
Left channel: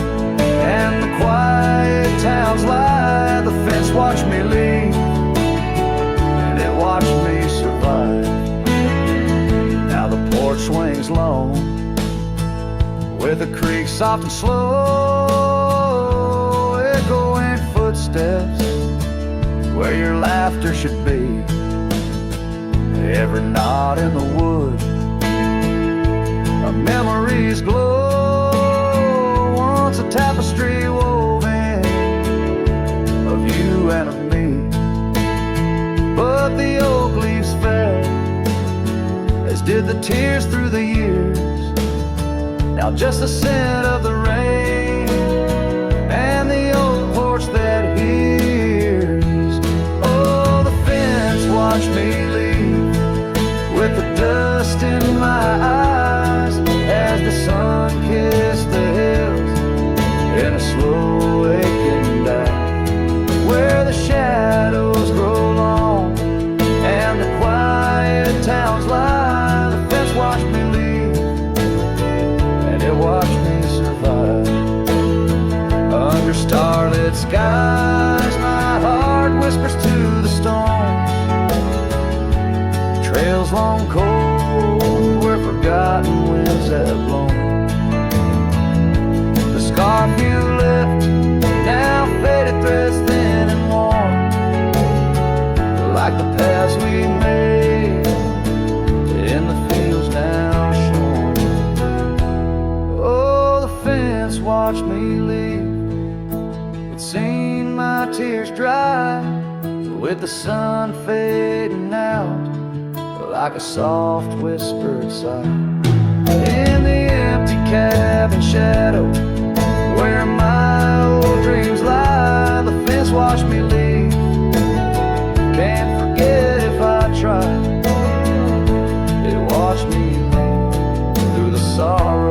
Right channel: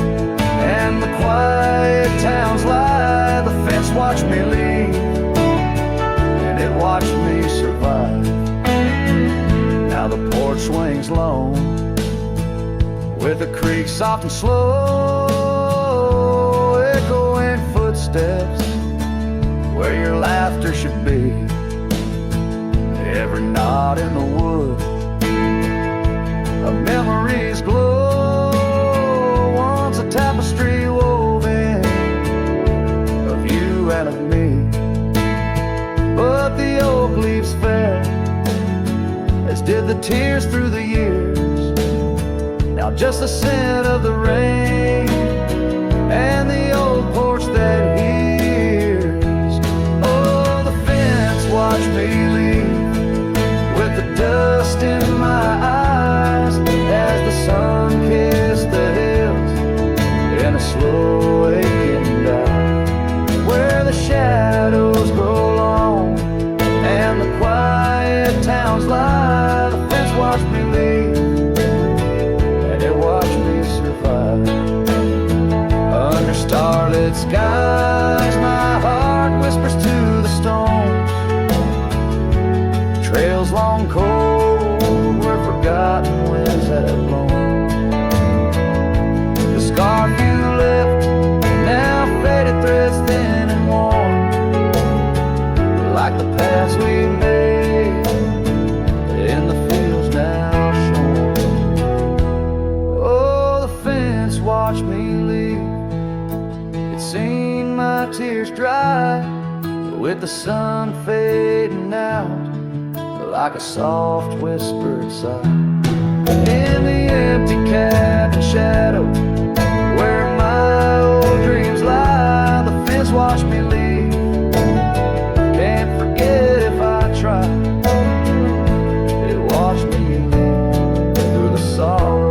and the quiet towns lie. The fence watched me leave, and it watched me survive. Now the porch swings lone, with a creak soft and slow, echoing footsteps where your laughter should be. Every knot in the wood, a memory's glow, once a tapestry woven of you and of me. But the oak leaves fell, as did the tears through the years. Now just the scent of the rain and the old porch that hears. Oh, the fence watched me leave with the dust in my eyes as the sun kissed the hills in a slow aching dive, where the shadows grow long and the quiet towns lie. The fence watched me leave, and it watched me survive. Under starlit skies, my heart whispers to the stones, trails long cold where forgotten winds have blown. The scarf you left, now faded threads thin and worn, like the paths we made in the fields now shorn. Oh, the fence watched me leave, it's seen my tears dry, with the sun fading out like a soft whispered sigh. In the empty cabin shadow, where my old dreams lie, the fence watched me leave. Can't forget if I try. It watched me leave through the sorrow